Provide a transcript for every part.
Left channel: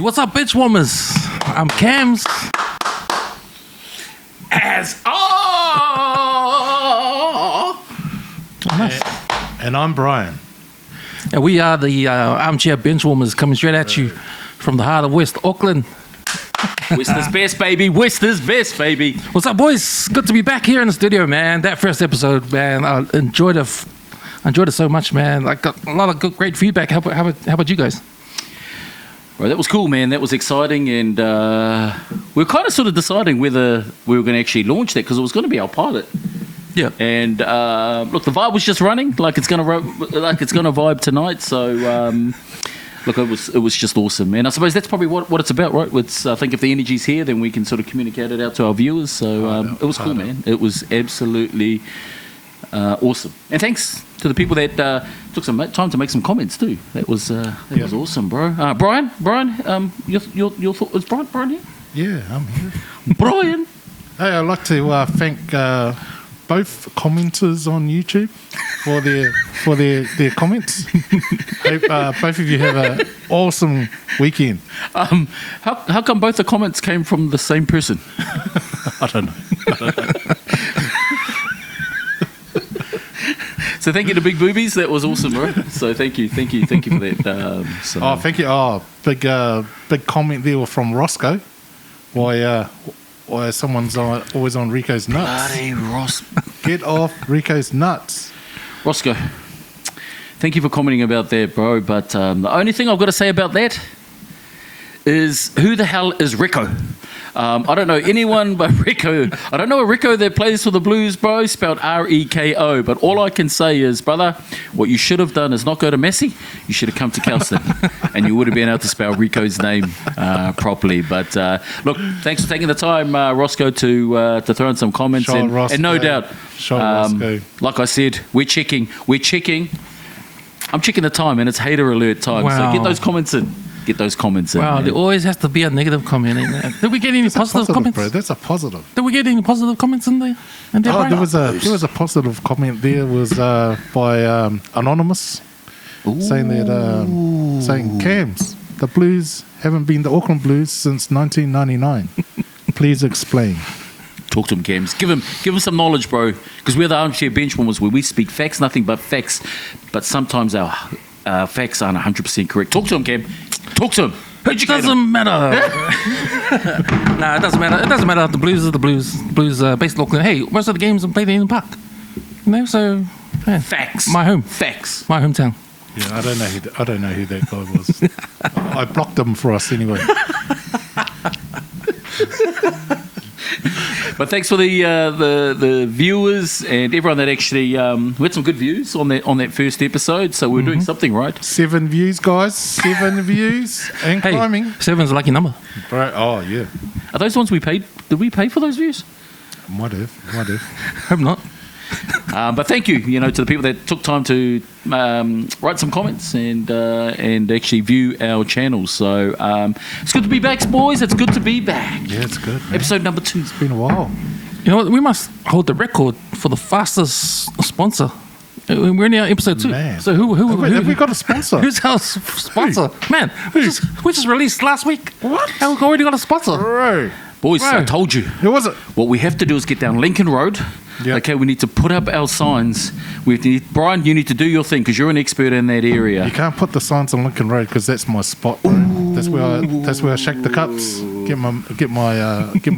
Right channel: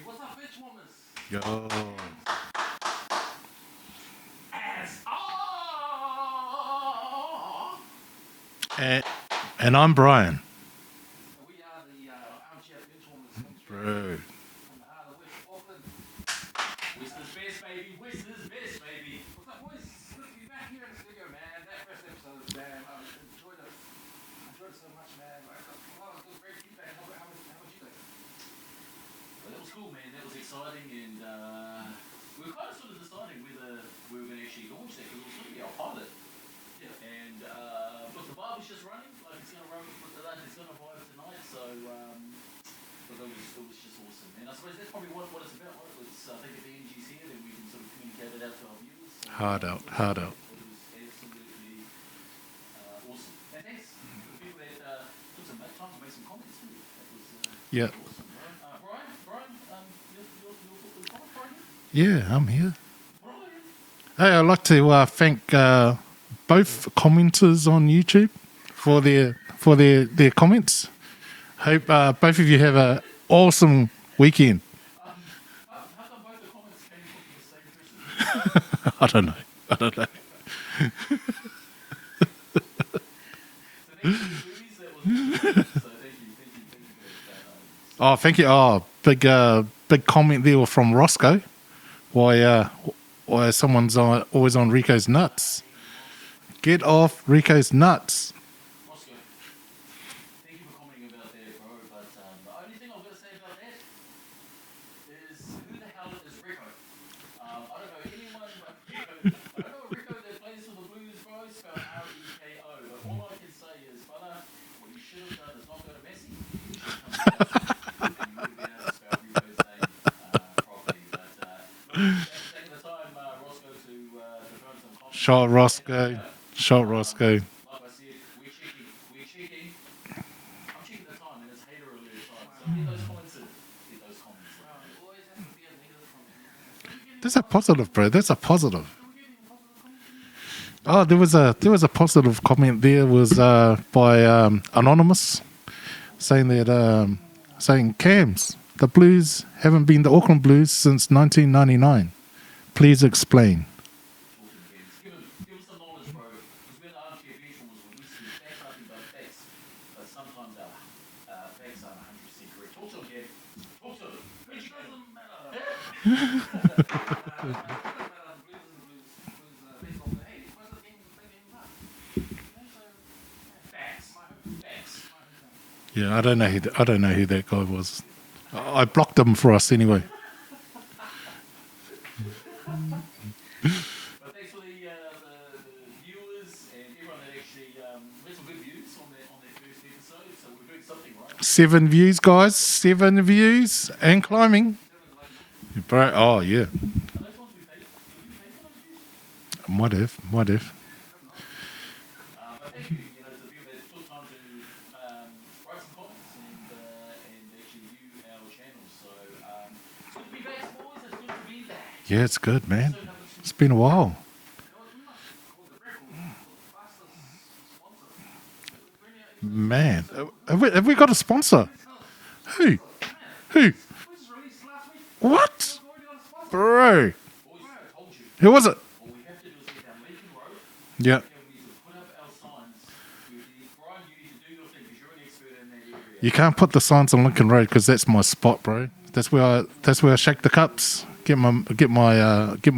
What's up, benchwarmers? I'm Cams. And I'm Brian. And we are the armchair benchwarmers coming straight at you from the heart of West Auckland. West is best, baby. West is best, baby. What's up, boys? Good to be back here in the studio, man. That first episode, man, I enjoyed it so much, man. I got a lot of good, great feedback. How about you guys? Well, that was cool, man. That was exciting, and we were kind of sort of deciding whether we were going to actually launch that because it was going to be our pilot. Yeah. And look, the vibe was just running like it's going to vibe tonight. So look, it was just awesome, and I suppose that's probably what it's about, right? It's, I think if the energy's here, then we can sort of communicate it out to our viewers. So it was cool, man. It was absolutely awesome, and thanks to the people that took some time to make some comments too. That was awesome, bro. Brian, your thought was Brian here? Yeah, I'm here. Brian. Hey, I'd like to thank both commenters on YouTube for their comments. Hope both of you have an awesome weekend. How come both the comments came from the same person? I don't know. So thank you to Big Boobies. That was awesome, bro. So thank you for that. Thank you. Big comment there from Roscoe. Why someone's always on Rico's nuts. Bloody Ross. Get off Rico's nuts. Roscoe, thank you for commenting about that, bro. But the only thing I've got to say about that is who the hell is Rico? I don't know anyone but Rico. I don't know a Rico that plays for the Blues, bro, spelled R-E-K-O. But all I can say is, brother, what you should have done is not go to Messi. You should have come to Kelston, and you would have been able to spell Rico's name properly. But look, thanks for taking the time, Roscoe, to throw in some comments. And no doubt, Roscoe. like I said, we're checking. I'm checking the time, and it's hater alert time. Wow. So get those comments in. Wow, there always has to be a negative comment in there. Did we get any positive comments? Bro. That's a positive. Did we get any positive comments in there? There was a positive comment there. Was by Anonymous saying Cams, the Blues haven't been the Auckland Blues since 1999. Please explain. Talk to him, Cams. Give him some knowledge, bro. Because we're the armchair benchwarmers where we speak facts, nothing but facts. But sometimes our facts aren't 100% correct. Talk to him, Cam. Talk to him. It doesn't matter. Nah, it doesn't matter. It doesn't matter. The Blues are the Blues. Blues based in Auckland. Hey, most of the games are played in the park. You know, so yeah. Facts. My home. Facts. My hometown. Yeah, I don't know who that guy was. I blocked him for us anyway. But thanks for the viewers and everyone that actually we had some good views on that first episode. So we're doing something right. 7 views, guys. 7 views and climbing. 7's a lucky number, Bro, oh yeah. Are those ones we paid? Did we pay for those views? Might have. Hope not. But thank you, to the people that took time to write some comments and actually view our channel. So it's good to be back, boys. It's good to be back. Yeah, it's good, man. Episode number 2. It's been a while. You know what? We must hold the record for the fastest sponsor. We're in our episode 2. Man. So who have we got a sponsor? Who's our sponsor? Man, Who? we just released last week. What? How we already got a sponsor? Bro. Boys, Bro. I told you. Who was it? What we have to do is get down Lincoln Road. Yeah. Okay, we need to put up our signs. Brian, you need to do your thing because you're an expert in that area. You can't put the signs on Lincoln Road because that's my spot, bro. That's where I shake the cups, get my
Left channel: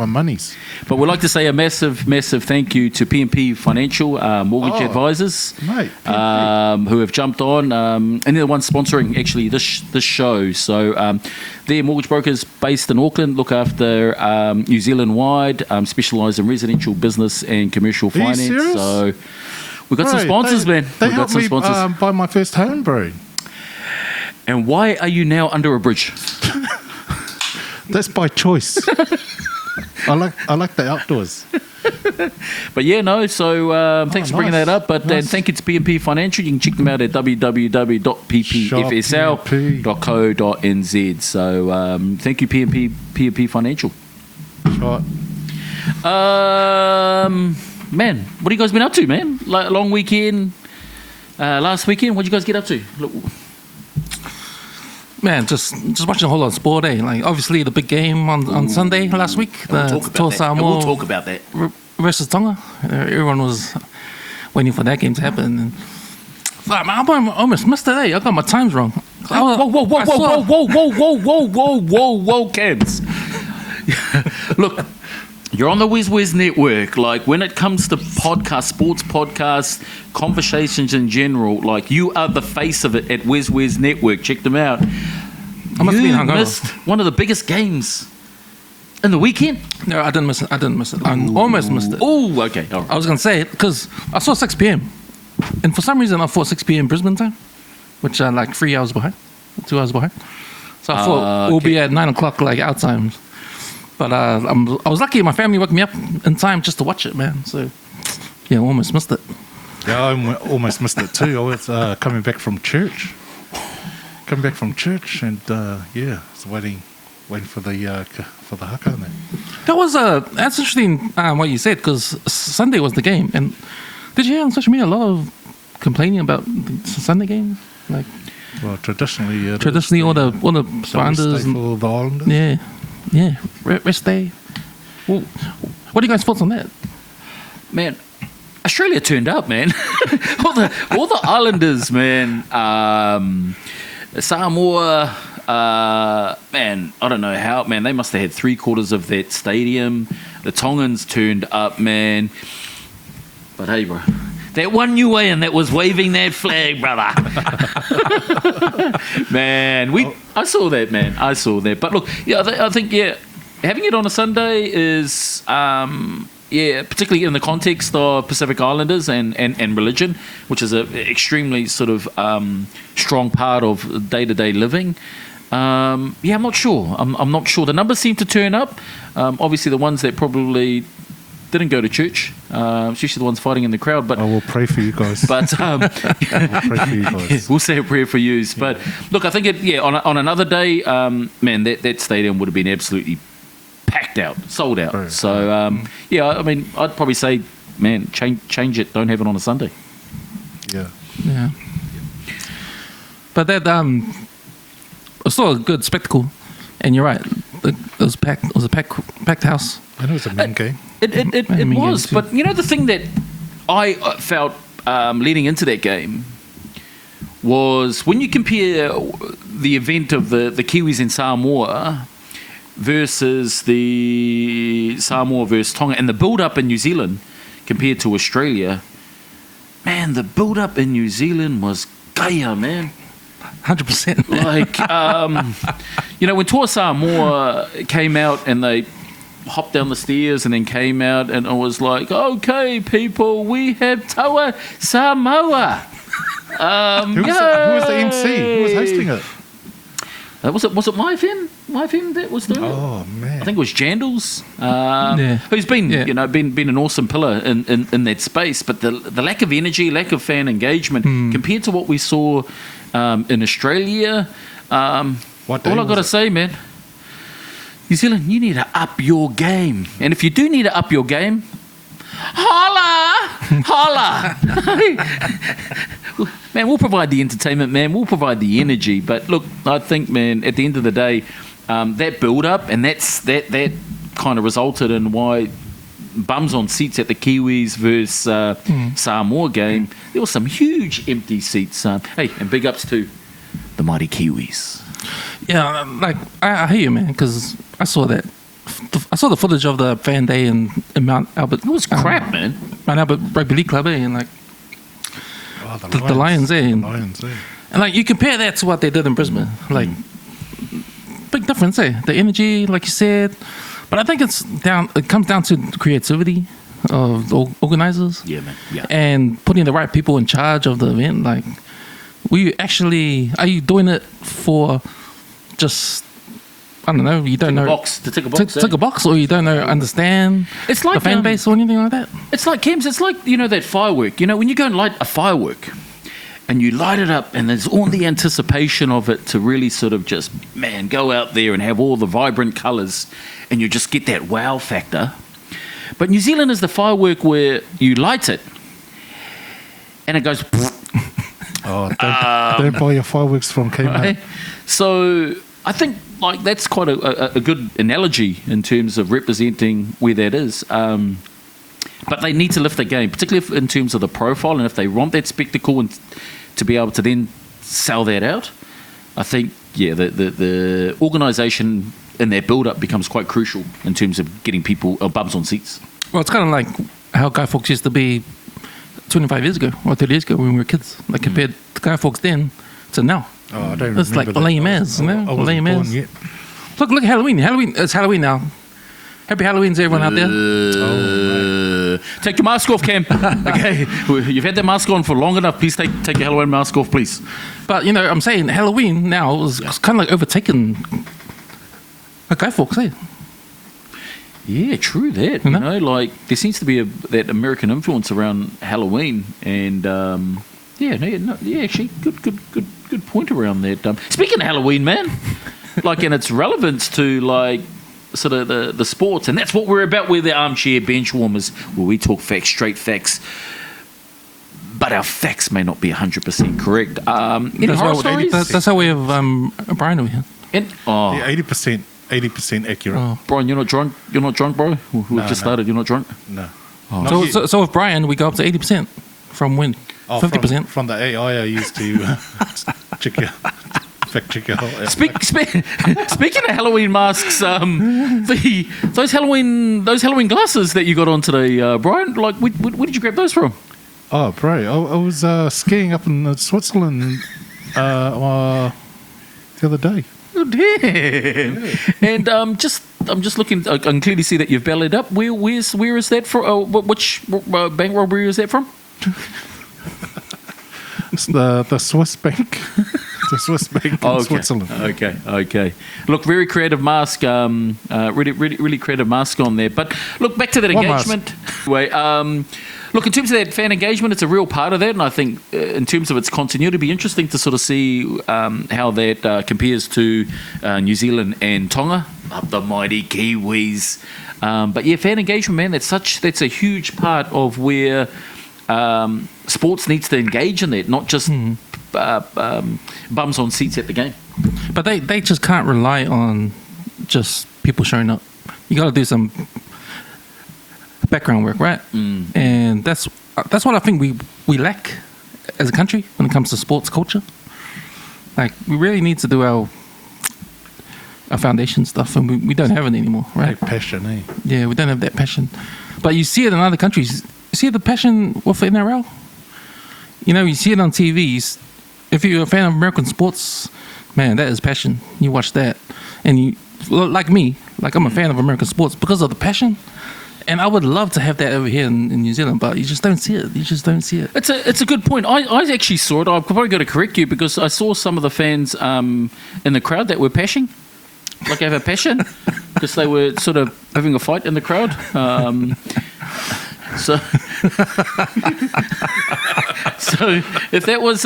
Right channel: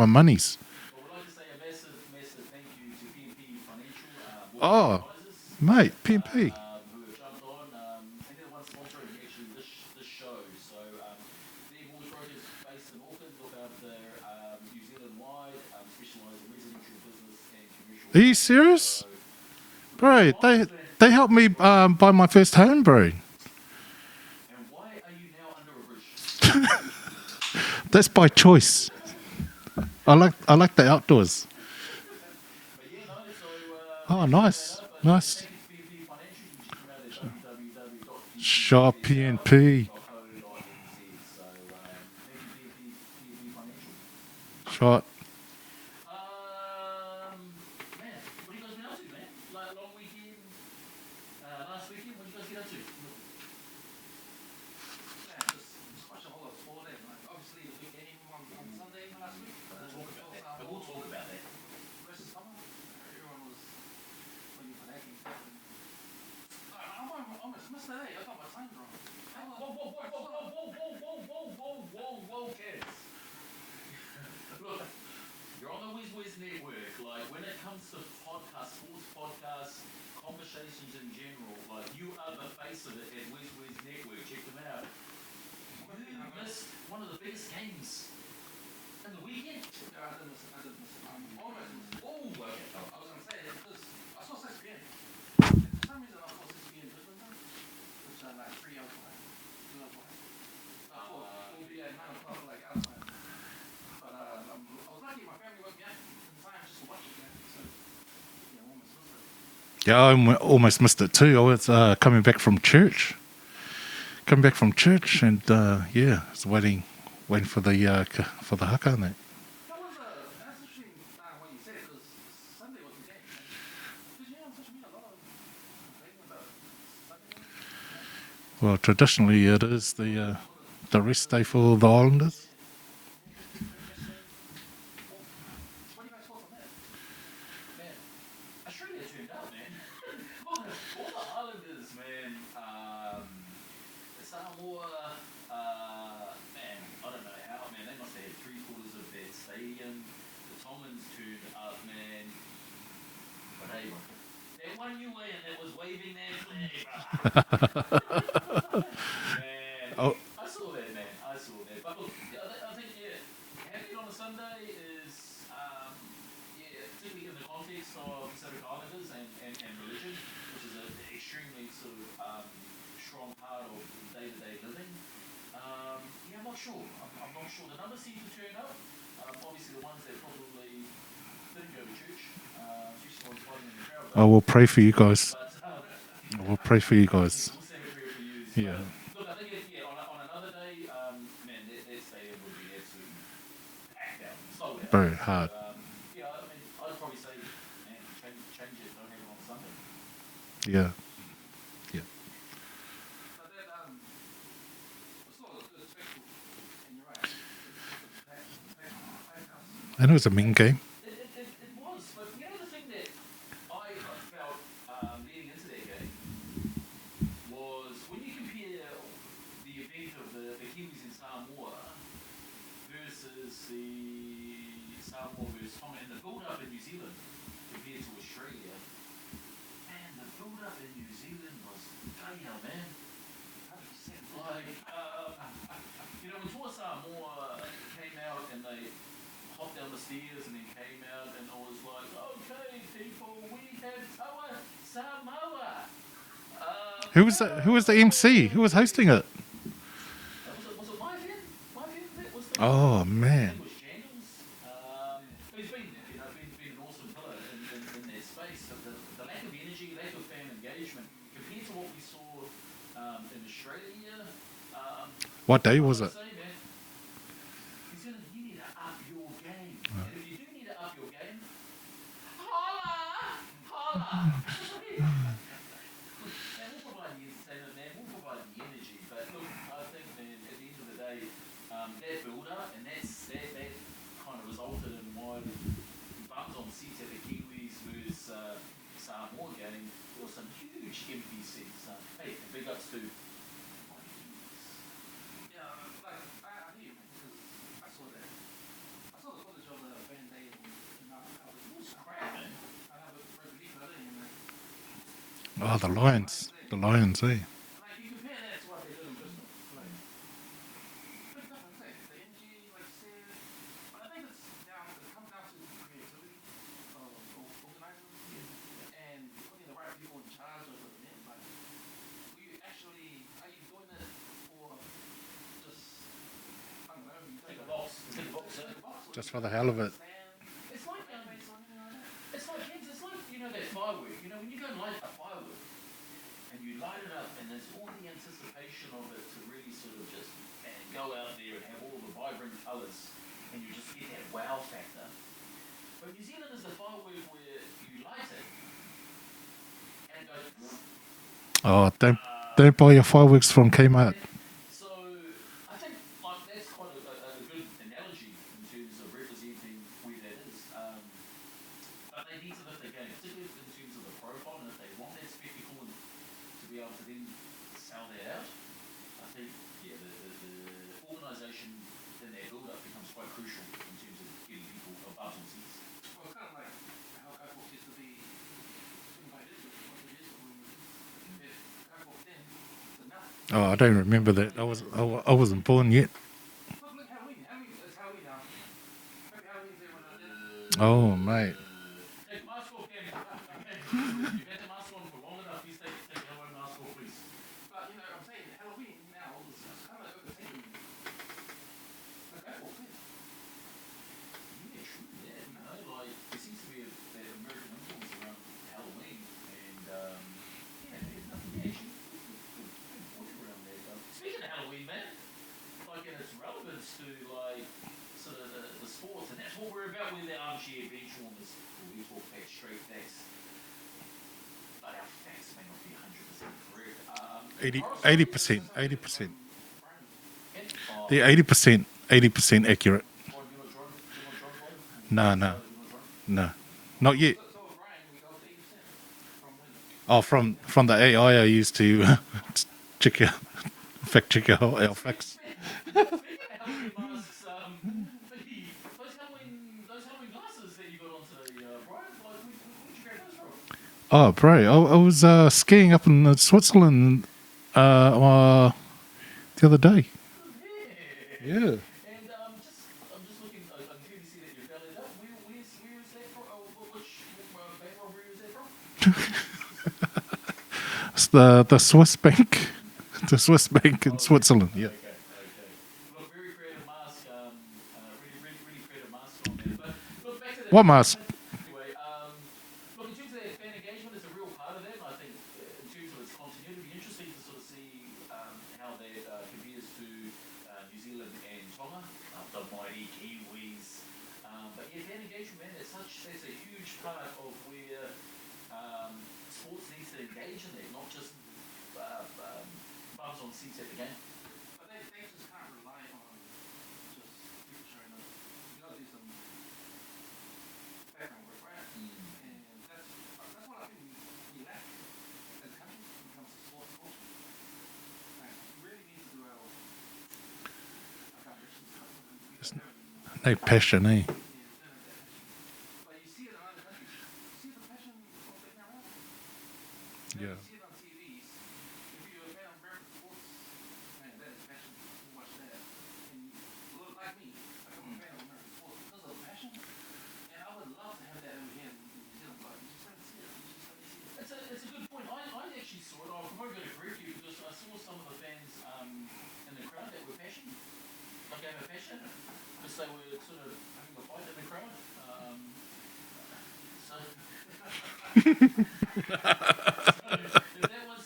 monies. But we'd like to say a massive thank you to P&P Financial Mortgage Advisors, mate, P&P. who have jumped on, and they're the ones sponsoring actually this show. So they're mortgage brokers based in Auckland, look after New Zealand wide, specialise in residential, business, and commercial finance. Are you serious? So we've got some sponsors, man. They helped me buy my first home, bro. And why are you now under a bridge? That's by choice. I like the outdoors. But yeah, no, so thanks for bringing that up. But thank you to P&P Financial. You can check them out at www.ppfsl.co.nz. So thank you, P&P Financial. Shot. Man, what have you guys been up to, man? Like, long weekend, last weekend, what did you guys get up to? Look. Man, just watching a whole lot of sport, eh? Like, obviously, the big game on Sunday last week, the Toa Samoa We'll talk about that. versus Tonga. Everyone was waiting for that game to happen. And, fuck, man, I almost missed it, eh? I got my times wrong. Whoa, Cams. Look, you're on the Whiz Network. Like, when it comes to podcasts, sports podcasts, conversations in general, like, you are the face of it at Whiz Network. Check them out. I must have been You hungover. missed one of the biggest games in the weekend. No, I didn't miss it. I almost missed it. Oh, okay. All right. I was going to say it because I saw 6 p.m. And for some reason, I thought 6 p.m. Brisbane time, which are like 3 hours behind, 2 hours behind. So I thought we'll be at 9 o'clock, like our time. But I was lucky my family woke me up in time just to watch it, man. So, yeah, I almost missed it. Yeah, I almost missed it too. I was coming back from church. And yeah, I was waiting for the haka and that. That's interesting what you said, because Sunday was the game. And did you hear on social media a lot of complaining about the Sunday game? Like, Well, traditionally all the Islanders rest day for the Islanders. Yeah, rest day. Well, what are you guys' thoughts on that? Man, Australia turned up, man. all the Islanders, man. Samoa, man, I don't know how, man. They must have had 3/4 of that stadium. The Tongans turned up, man. But hey, bro, that one Niuean that was waving that flag, brother. Man, I saw that, man. I saw that. But look, yeah, I think, yeah, having it on a Sunday is, yeah, particularly in the context of Pacific Islanders and religion, which is an extremely sort of strong part of day-to-day living. Yeah, I'm not sure. I'm not sure. The numbers seem to turn up. Obviously, the ones that probably didn't go to church, especially the ones fighting in the crowd. But I will pray for you guys. But We'll pray for you guys. we'll say a prayer for you. But look, I think on another day, man, that stadium would have been absolutely packed out, sold out. Right. So yeah, I mean, I'd probably say, man, change it. Don't have it on a Sunday. Yeah. Yeah. But that it's still a good spectacle, and you're right. It was packed. It was a packed house. I know it was a mean game. It mean, was, yeah, but you know the thing that I felt leading into that game was when you compare the event of the Kiwis in Samoa versus the Samoa versus Tonga and the build-up in New Zealand compared to Australia, man, the build-up in New Zealand was gaia, man. 100%. Like, you know, when Toa Samoa came out and they hopped down the stairs and then came out and it was like, okay, people, we have Toa Samoa. Who was the MC? Who was hosting it? Was it My FM? My FM that was doing it? Oh man! I think it was Jandals, Yeah. who's been Yeah. been an awesome pillar in that space. But the lack of energy, lack of fan engagement compared to what we saw in Australia. What day all I've was got to it? say, man, New Zealand, you need to up your game. And if you do need to up your game, holla! Man, we'll provide the entertainment, man. We'll provide the energy. But look, I think, man, at the end of the day, that build-up and that kind of resulted in why bums on seats at the Kiwis versus Samoa game, there were some huge empty seats. Hey, and big ups to the Mighty Kiwis. Yeah, like I hear you, man, because I saw that. I saw the footage of the fan day in Mount Albert. It was crap, man. Mount Albert Rugby League Club, and like Oh, the Lions, eh? The Lions, eh? And like you compare that to what they did in Brisbane, like big difference, eh? The energy, like you said, but I think it comes down to creativity of the organisers. Yeah, man. Yeah. And putting the right people in charge of the event. Like, are you doing it for just, I don't know, you don't know. To tick a box. Tick a box, or you don't know, understand It's like the fan base or anything like that? It's like, Kems, it's like, you know, that firework. You know, when you go and light a firework and you light it up and there's all the anticipation of it to really sort of just, man, go out there and have all the vibrant colours and you just get that wow factor. But New Zealand is the firework where you light it and it goes... Oh, don't buy your fireworks from Kmart. Right? So I think like that's quite a good analogy in terms of representing where that is. But they need to lift their game, particularly in terms of the profile, and if they want that spectacle and to be able to then sell that out, I think, yeah, the organisation in their build-up becomes quite crucial in terms of getting people bums on seats. Well, it's kind of like how Guy Fawkes used to be 25 years ago or 30 years ago when we were kids. Like compared to Guy Fawkes then to now. Oh, I don't It's remember like that. lame as, you know? I wasn't Lame born as. yet. Look at Halloween. It's Halloween now. Happy Halloween to everyone out there. Oh, Take your mask off, Cam. Okay, you've had that mask on for long enough. Please take your Halloween mask off, please. But, you know, I'm saying Halloween now is kind of like overtaken a Guy Fawkes, eh? Yeah, true that. You know, like there seems to be that American influence around Halloween, and actually, good point around that. Speaking of Halloween, man, like and its relevance to like sort of the sports, and that's what we're about. We're the armchair bench warmers, where we talk facts, straight facts. But our facts may not be 100% correct. Any horror stories? That's how we have Brian over here. Yeah, 80% accurate. Oh. Brian, you're not drunk. You're not drunk, bro. We just started. You're not drunk. No. Not yet. So with Brian, we go up to 80% from when? 50%. From the AI I used to fact check your whole. Speaking of Halloween masks, those Halloween glasses that you got on today, Brian. Like, where did you grab those from? Oh, bro, I was skiing up in Switzerland the other day. Oh, damn! Yeah. And I'm just looking. I can clearly see that you've bellied up. Where is that from? Which bank robbery is that from? It's the Swiss bank. The Swiss bank in Switzerland. Okay. Look, very creative mask. Really creative mask on there. But look, back to that engagement. Anyway, look, in terms of that fan engagement, it's a real part of that, and I think in terms of its continuity, it'd be interesting to sort of see how that compares to New Zealand and Tonga, up the mighty Kiwis. But yeah, fan engagement, man, that's a huge part of where sports needs to engage in that, not just bums on seats at the game. But they just can't rely on just people showing up. You got to do some background work, right? And that's what I think we lack as a country when it comes to sports culture. Like, we really need to do our foundation stuff, and we don't have it anymore, right? That passion, eh? Yeah, we don't have that passion. But you see it in other countries. You see the passion with the NRL. You know, you see it on TVs. If you're a fan of American sports, man, that is passion. You watch that, and you, like me, like I'm a fan of American sports because of the passion. And I would love to have that over here in New Zealand, but you just don't see it. It's a good point. I actually saw it. I've probably got to correct you because I saw some of the fans in the crowd that were passion, like have a passion, because they were sort of having a fight in the crowd. So if that was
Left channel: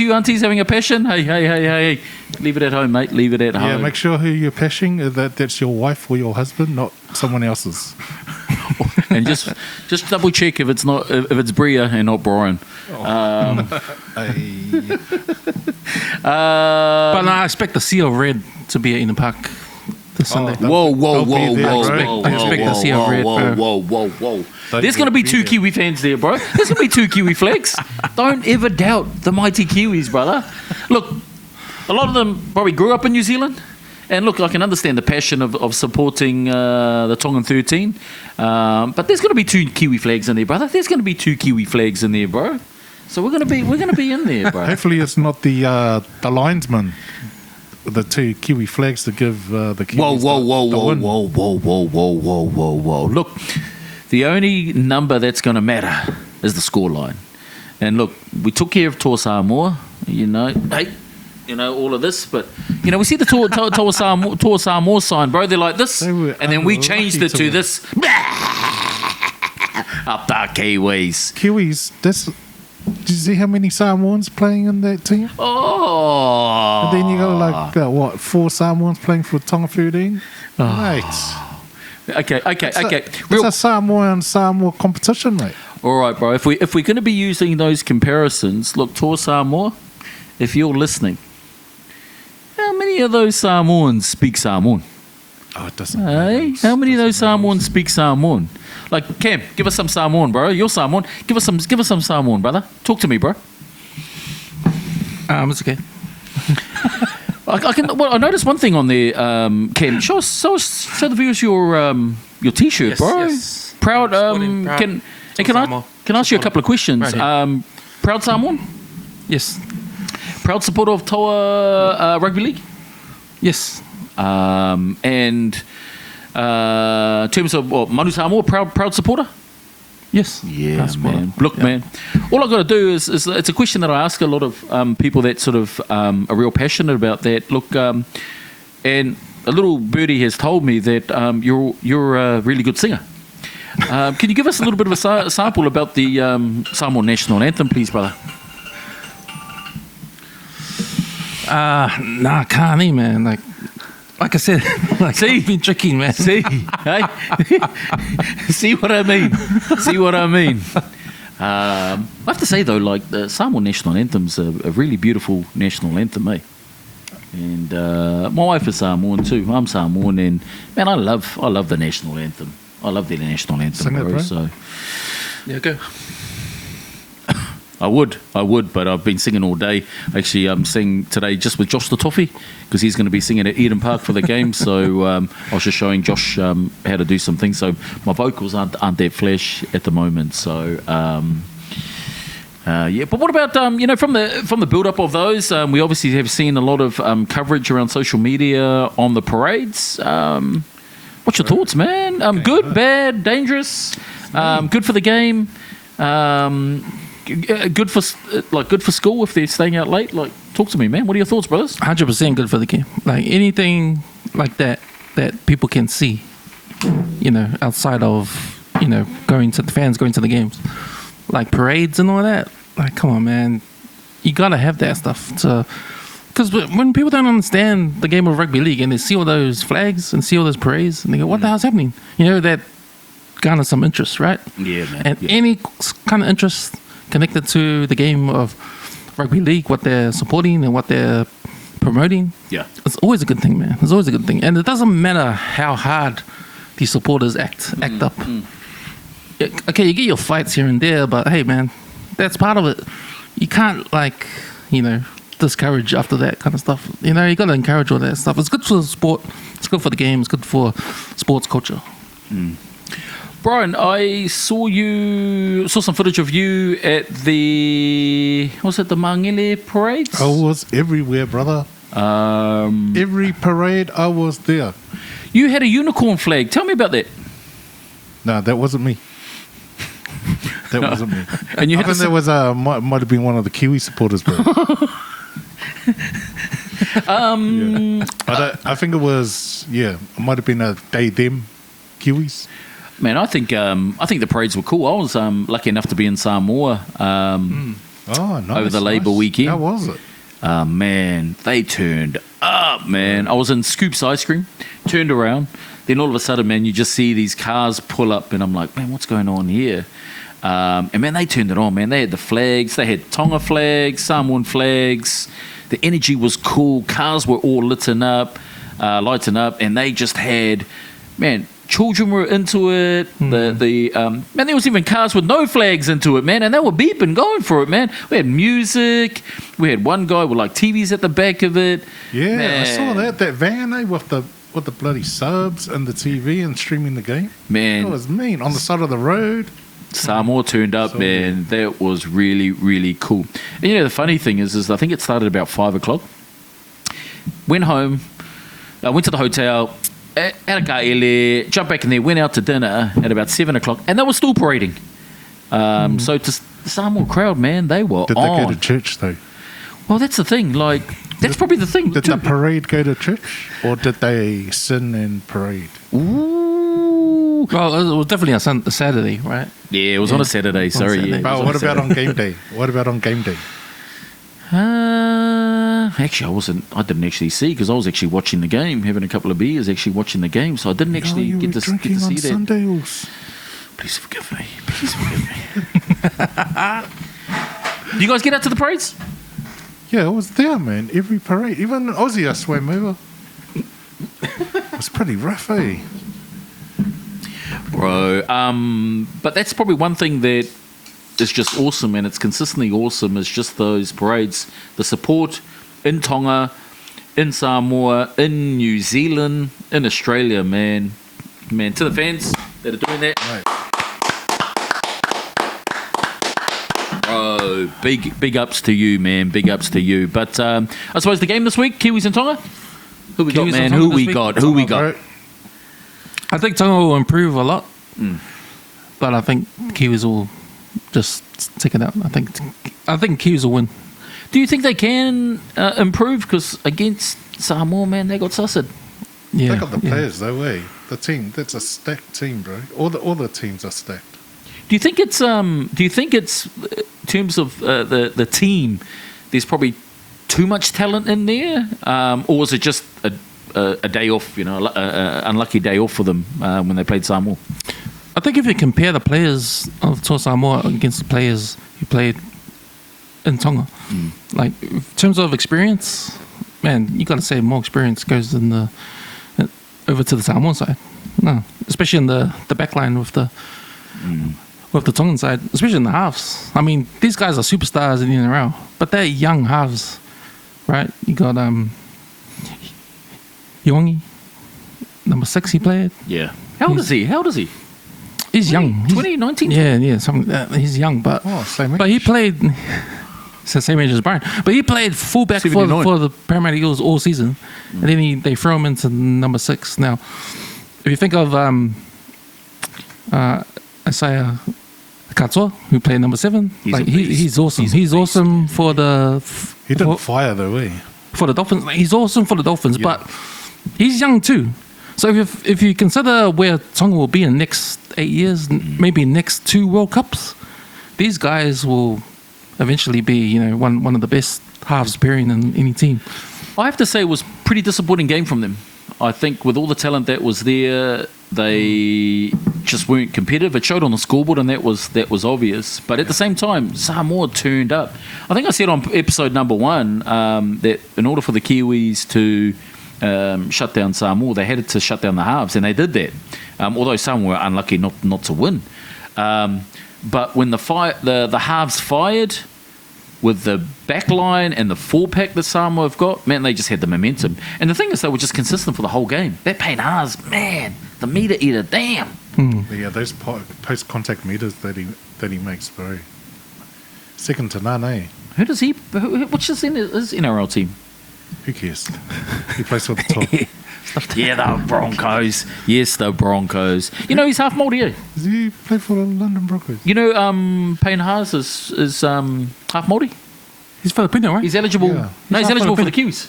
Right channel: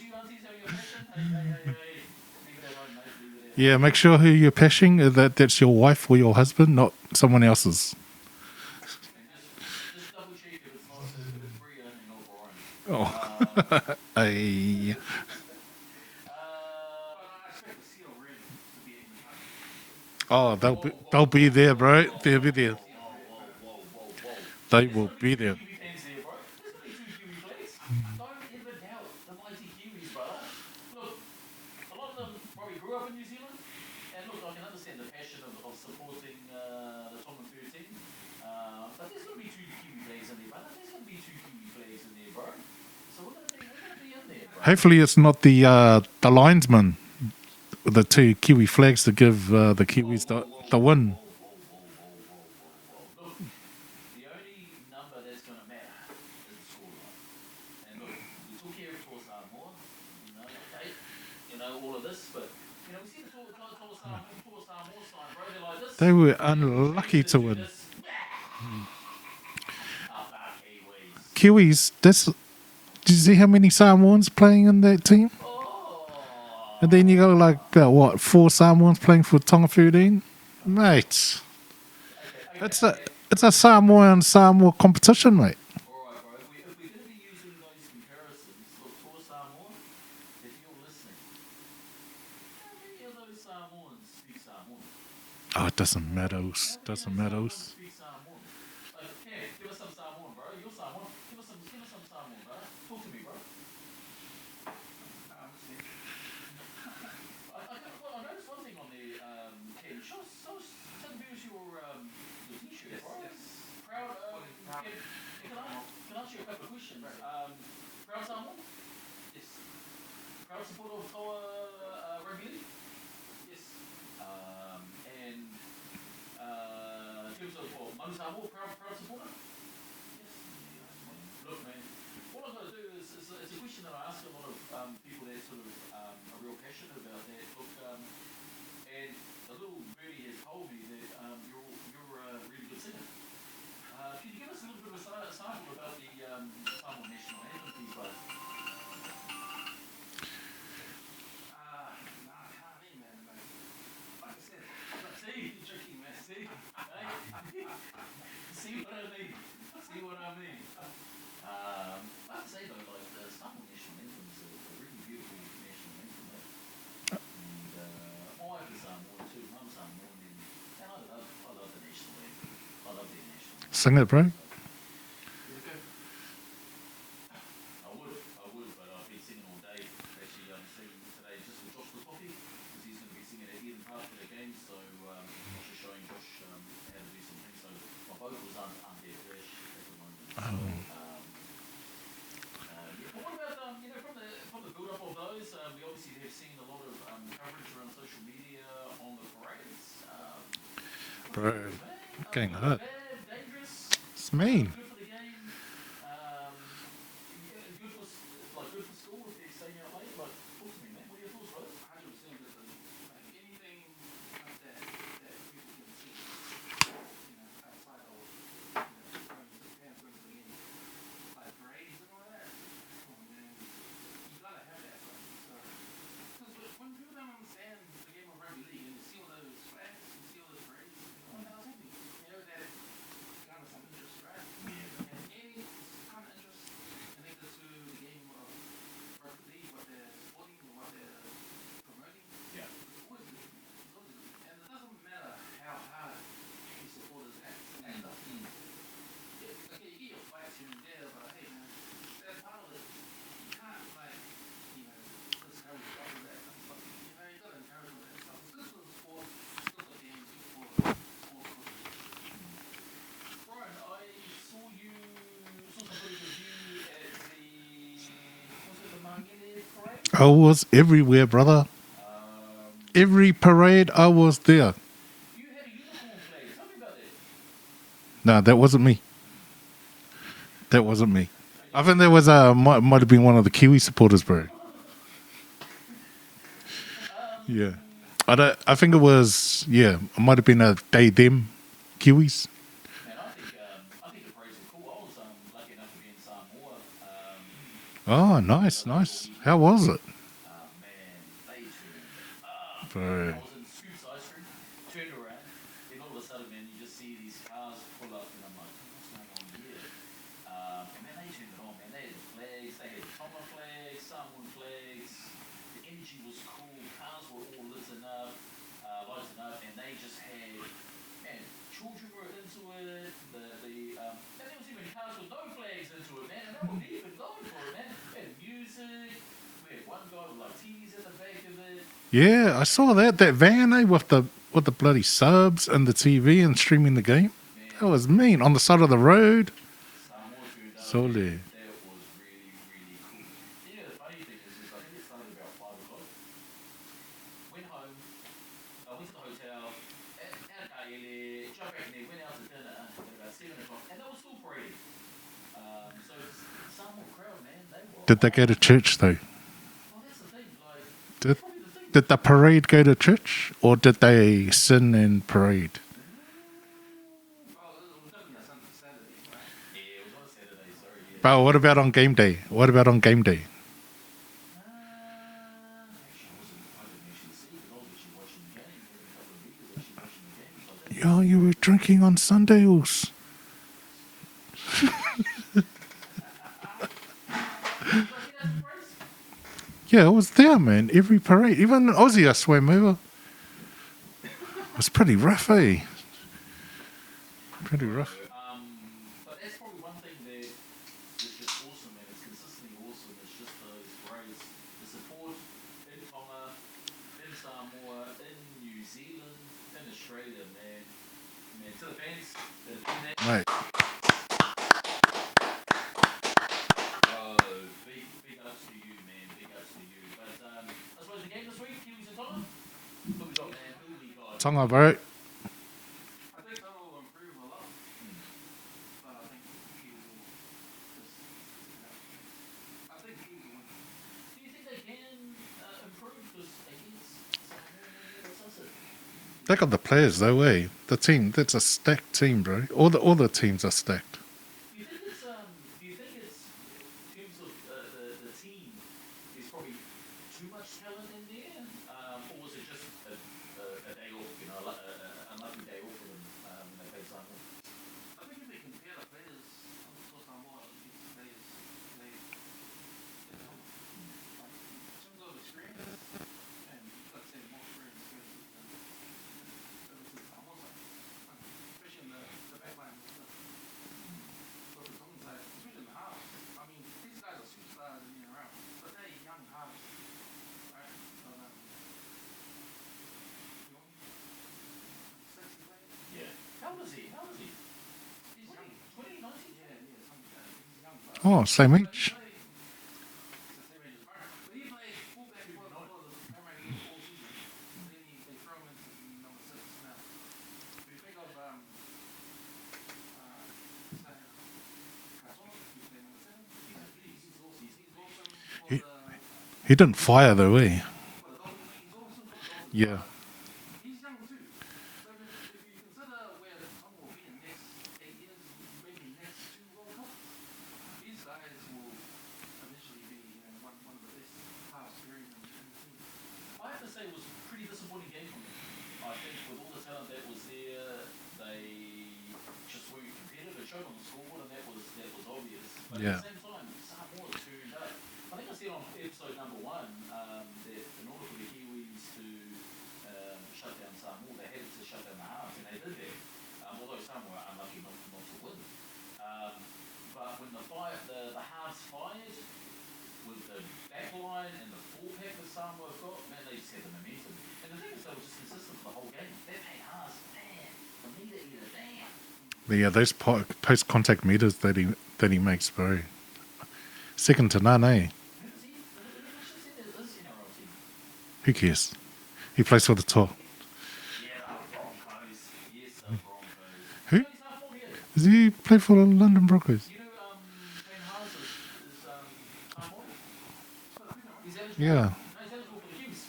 you, aunties, having a passion, hey, leave it at home, mate. Leave it at home. Yeah, make sure who you're pashing, that's your wife or your husband, not someone else's. And just double check if it's Bria and not Brian. But no, I expect the Sea of Red to be in the park this Sunday. They'll be there, bro. Whoa. There's going to be two Kiwi fans there, bro. There's going to be two Kiwi flags. Don't ever doubt the mighty Kiwis, brother. Look, a lot of them probably grew up in New Zealand. And look, I can understand the passion of supporting the Tongan 13. But there's going to be two Kiwi flags in there, brother. There's going to be two Kiwi flags in there, bro. So we're going to be in there, bro. Hopefully it's not the linesman with the two Kiwi flags to give the Kiwis the win. Whoa. Look, the only number that's going to matter is the scoreline. And look, we took care of Toa Samoa, all of this, but we see the Toa Samoa sign, bro. They're like this, and then we changed it to this. Up the Kiwis. Did you see how many Samoans playing in that team? Oh. And then you got 4 Samoans playing for Tonga 13? Mate. Okay. It's a Samoa competition, mate. All right, bro. If we're going to be using those comparisons, look, Toa Samoa, if you're listening, many of those Samoans speak Samoan? Oh, it doesn't matter. Hey, how many of those Doesn't matter. Samoans speak Samoan? Like, Cam, give us some Samoan, bro. You're Samoan. Give us some Samoan, brother. Talk to me, bro. It's okay. I noticed one thing on there, Cam. Show the viewers your T-shirt, Yes, bro. yes. Proud. Sporting, proud. Can Samoa. I ask you a couple of questions? Right here. Proud Samoan. Yes. Proud supporter of Toa Rugby League. Yes. And in terms of Manu Samoa, proud supporter. Yes. Yeah, Proud supporter. man. Look, Yeah. man. All I got to do is it's a question that I ask a lot of people that sort of are real passionate about that. Look, and a little birdie has told me that you're a really good singer. Can you give us a little bit of a sample about the Samoan national anthem, please, brother? Nah, can't he, man? Like I said, See? I've been tricky, man. See, hey, see what I mean? See what I mean? I have to say though, like the Samoan national anthem's a really beautiful national anthem, eh? And my wife is Samoan too. I'm Samoan, and man, I love the national anthem. I love the national anthem. Sing it, bro. So Yeah, go. I would, but I've been singing all day. Actually, I'm singing today just with Josh the Toffee because he's going to be singing at Eden Park for the game. So I was just showing Josh how to do some things. So my vocals aren't that flash at the moment. So yeah, but what about from the build up of those? We obviously have seen a lot of coverage around social media on the parades. What's your thoughts, man? Good, bad, dangerous? Good for the game. Good for school if they're staying out late. Like, talk to me, man. What are your thoughts, brothers? 100% good for the game. Like anything like that people can see, outside of, going to the games, like parades and all that. Like, come on, man, you gotta have that stuff because when people don't understand the game of rugby league and they see all those flags and see all those parades and they go, what the hell's happening? That garners some interest, right? Yeah, man. And Yeah. any kind of interest connected to the game of rugby league, what they're supporting and what they're promoting, Yeah. it's always a good thing, man. It's always a good thing. And it doesn't matter how hard these supporters act up. Yeah, okay, you get your fights here and there, but hey, man, that's part of it. You can't, discourage after that kind of stuff. You got to encourage all that stuff. It's good for the sport. It's good for the game. It's good for sports culture. Brian, I saw some footage of you at the Mangele parade? I was everywhere, brother. Every parade, I was there. You had a unicorn flag. Tell me about that. No, that wasn't me. That wasn't me. And you I had think that was might have been one of the Kiwi supporters, bro. Yeah. But I think it was it might have been a them Kiwis. Man, I think the parades were cool. I was lucky enough to be in Samoa Oh, nice. over the Labour nice. weekend. How was it? Man, they turned up, man. I was in Scoops Ice Cream, turned around. Then all of a sudden, man, you just see these cars pull up, and I'm like, man, what's going on here? And man, they turned it on, man. They had the flags. They had Tonga flags, Samoan flags. The energy was cool. Cars were all lighting up, and they just had, man, children were into it. Man, there was even cars with no flags into it, man, and they were beeping, going for it, man. We had music. We had one guy with like TVs at the back of it. Yeah, Man. I saw that van with the bloody subs and the TV and streaming the game. Man, That was mean on the side of the road. Samoa turned up, So man. That was really, really cool. And the funny thing is I think it started about 5 o'clock. Went home, went to the hotel, had a ka'ele, jumped back in there, went out to dinner at about 7 o'clock, and they were still parading. So to the Samoa crowd, man, they were Did on. they go to church though? Well, that's the thing. Like, that's probably the thing. Did the parade go to church, or did they sin and parade? Ooh. Well, it was definitely a Saturday, right? Yeah, it was on a Saturday. Sorry. Saturday. Yeah. But what about on game day? What about on game day? Actually, I didn't actually see because I was actually watching the game, having a couple of beers, actually watching the game. So I didn't actually you get were to drinking get to on see that. Sundays. Please forgive me. Please forgive me. Do you guys get out to the parades? Yeah, it was there, man. Every parade. Even Aussie I swam over. It was pretty rough, eh? Bro, but that's probably one thing that is just awesome, and it's consistently awesome, is just those parades. The support in Tonga, in Samoa, in New Zealand, in Australia, man. Man, to the fans that are doing that. Right. Oh, big ups to you, man. Big ups to you. But I suppose the game this week, Kiwis and Tonga? Who we got, Kiwis man? and Tonga Who this we week? got? Who we got? Bro. I think Tonga will improve a lot, but I think Kiwis will just take it out. I think Kiwis will win. Do you think they can improve? Because against Samoa, man, they got sussed. Yeah, They got the players though, eh? The team, that's a stacked team, bro. All the teams are stacked. Do you think it's in terms of the team? There's probably too much talent in there, or was it just a day off? You know, unlucky day off for them when they played Samoa. I think if you compare the players of Toa Samoa against the players who played in Tonga, like in terms of experience, man, you got to say more experience goes in the over to the Samoan side. No, especially in the back line with the Tongan side, especially in the halves. I mean, these guys are superstars in the NRL, but they're young halves, right? You got Iongi, number 6 he played. Yeah. How old is he? He's young. He's 2019? Yeah, he's young, but Same age. but he played. It's the same age as Brian, but he played fullback for 79. the Parramatta Eagles all season, and then they throw him into number 6. Now, if you think of Isaiah Katoa, who played number 7, he's awesome. He's awesome for the. He didn't fire though, eh? For the Dolphins, he's awesome for the Dolphins, Yeah. but he's young too. So if you consider where Tonga will be in the next 8 years, maybe next 2 World Cups, these guys will eventually be, one of the best halves pairing in any team. I have to say it was a pretty disappointing game from them. I think with all the talent that was there, they just weren't competitive. It showed on the scoreboard, and that was obvious. But at the same time, Samoa turned up. I think I said on episode number 1 that in order for the Kiwis to shut down Samoa, they had to shut down the halves, and they did that. Although Samoa were unlucky not to win. But when the halves fired with the back line and the 4-pack that Samoa have got, man, they just had the momentum. And the thing is, they were just consistent for the whole game. That Payne-Haas, man, the meter eater, damn. Yeah, those post-contact meters that he makes, bro. Second to none, eh? Which is in his NRL team? Who cares? He plays for the top. Yeah, the Broncos. Yes, the Broncos. You know, he's half Māori, eh? Does he play for the London Broncos? You know, Payne-Haas is half Māori. He's Filipino, right? He's eligible. Yeah. No, he's half eligible for the Filipino. Kiwis.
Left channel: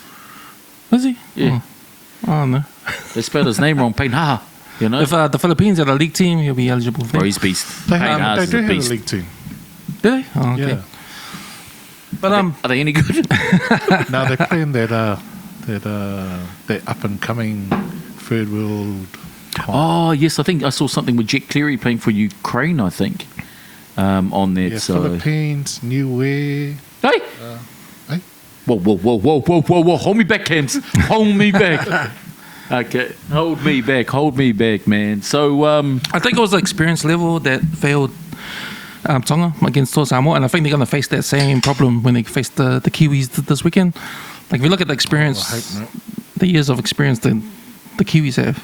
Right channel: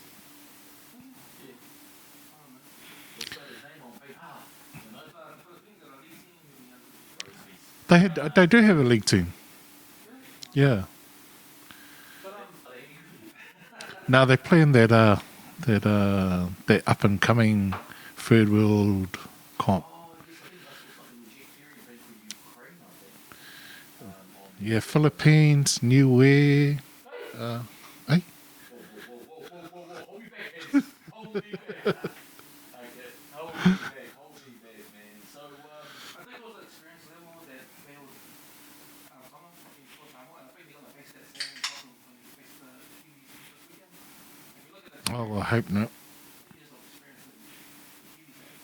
Is he? Yeah. Oh no. They spelled his name wrong, Payne-Haas. You know? If the Philippines had a league team, he'll be eligible for Bro, that. he's beast. They Payne-Haas do is have a beast. league team. Do they? Oh, okay. Yeah. But Are they any good? Now they're playing that up and coming third world. Oh, yes, I think I saw something with Jet Cleary playing for Ukraine, I think, on there. Yeah, so. Philippines, New Way. Hey! Hey? Whoa. Hold me back, Cams. Hold me back. Okay, hold me back, man. So, I think it was the experience level that failed Tonga against Toa Samoa, and I think they're going to face that same problem when they face the Kiwis this weekend. Like, if you look at the experience, I hope not. the years of experience that the Kiwis have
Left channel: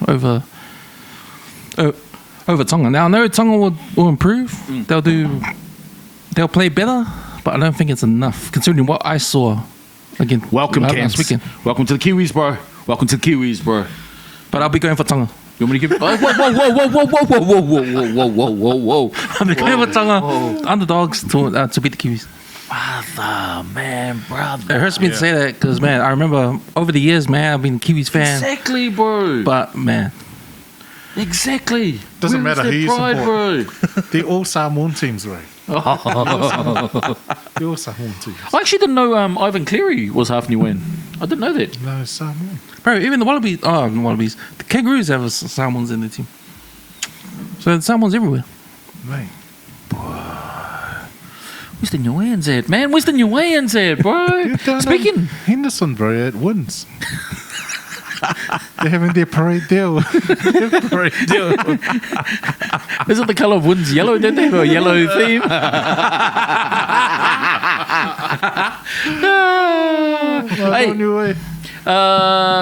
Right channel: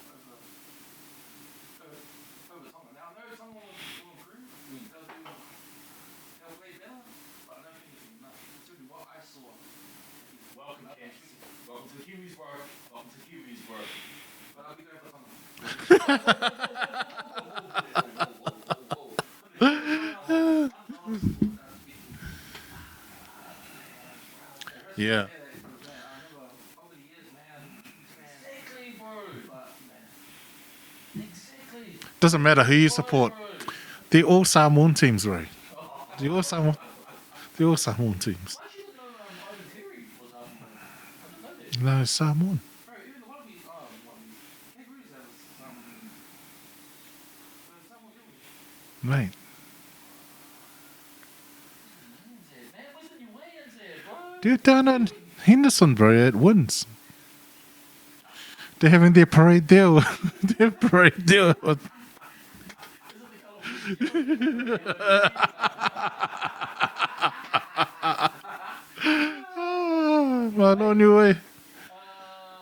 over Tonga. Now, I know Tonga will improve. They'll play better, but I don't think it's enough, considering what I saw again welcome, last Cams. weekend. Welcome to the Kiwis, bro. Welcome to the Kiwis, bro. But I'll be going for Tonga. You want me to give? Whoa! I'm going for Tonga underdogs to beat the Kiwis. Brother, man, brother. It hurts me to say that because, man, I remember over the years, man, I've been a Kiwis fan. Exactly, bro. But, man, exactly. Doesn't matter who you Pride, support. bro. They're all Samoan teams, right? They're all Samoan teams. I actually didn't know Ivan Cleary was half Niuean. I didn't know that. No, Samoan. bro, even the Wallabies, the Kangaroos have Samoans in the team. So there's Samoans everywhere. Mate. Where's the Niueans at, man? Where's the Niueans at, bro? They're down Speaking. in Henderson, bro, at Wins. They're having their parade deal. Their parade deal. Is it the colour of Wind's yellow, didn't they? Or yellow theme? Hey. On your way.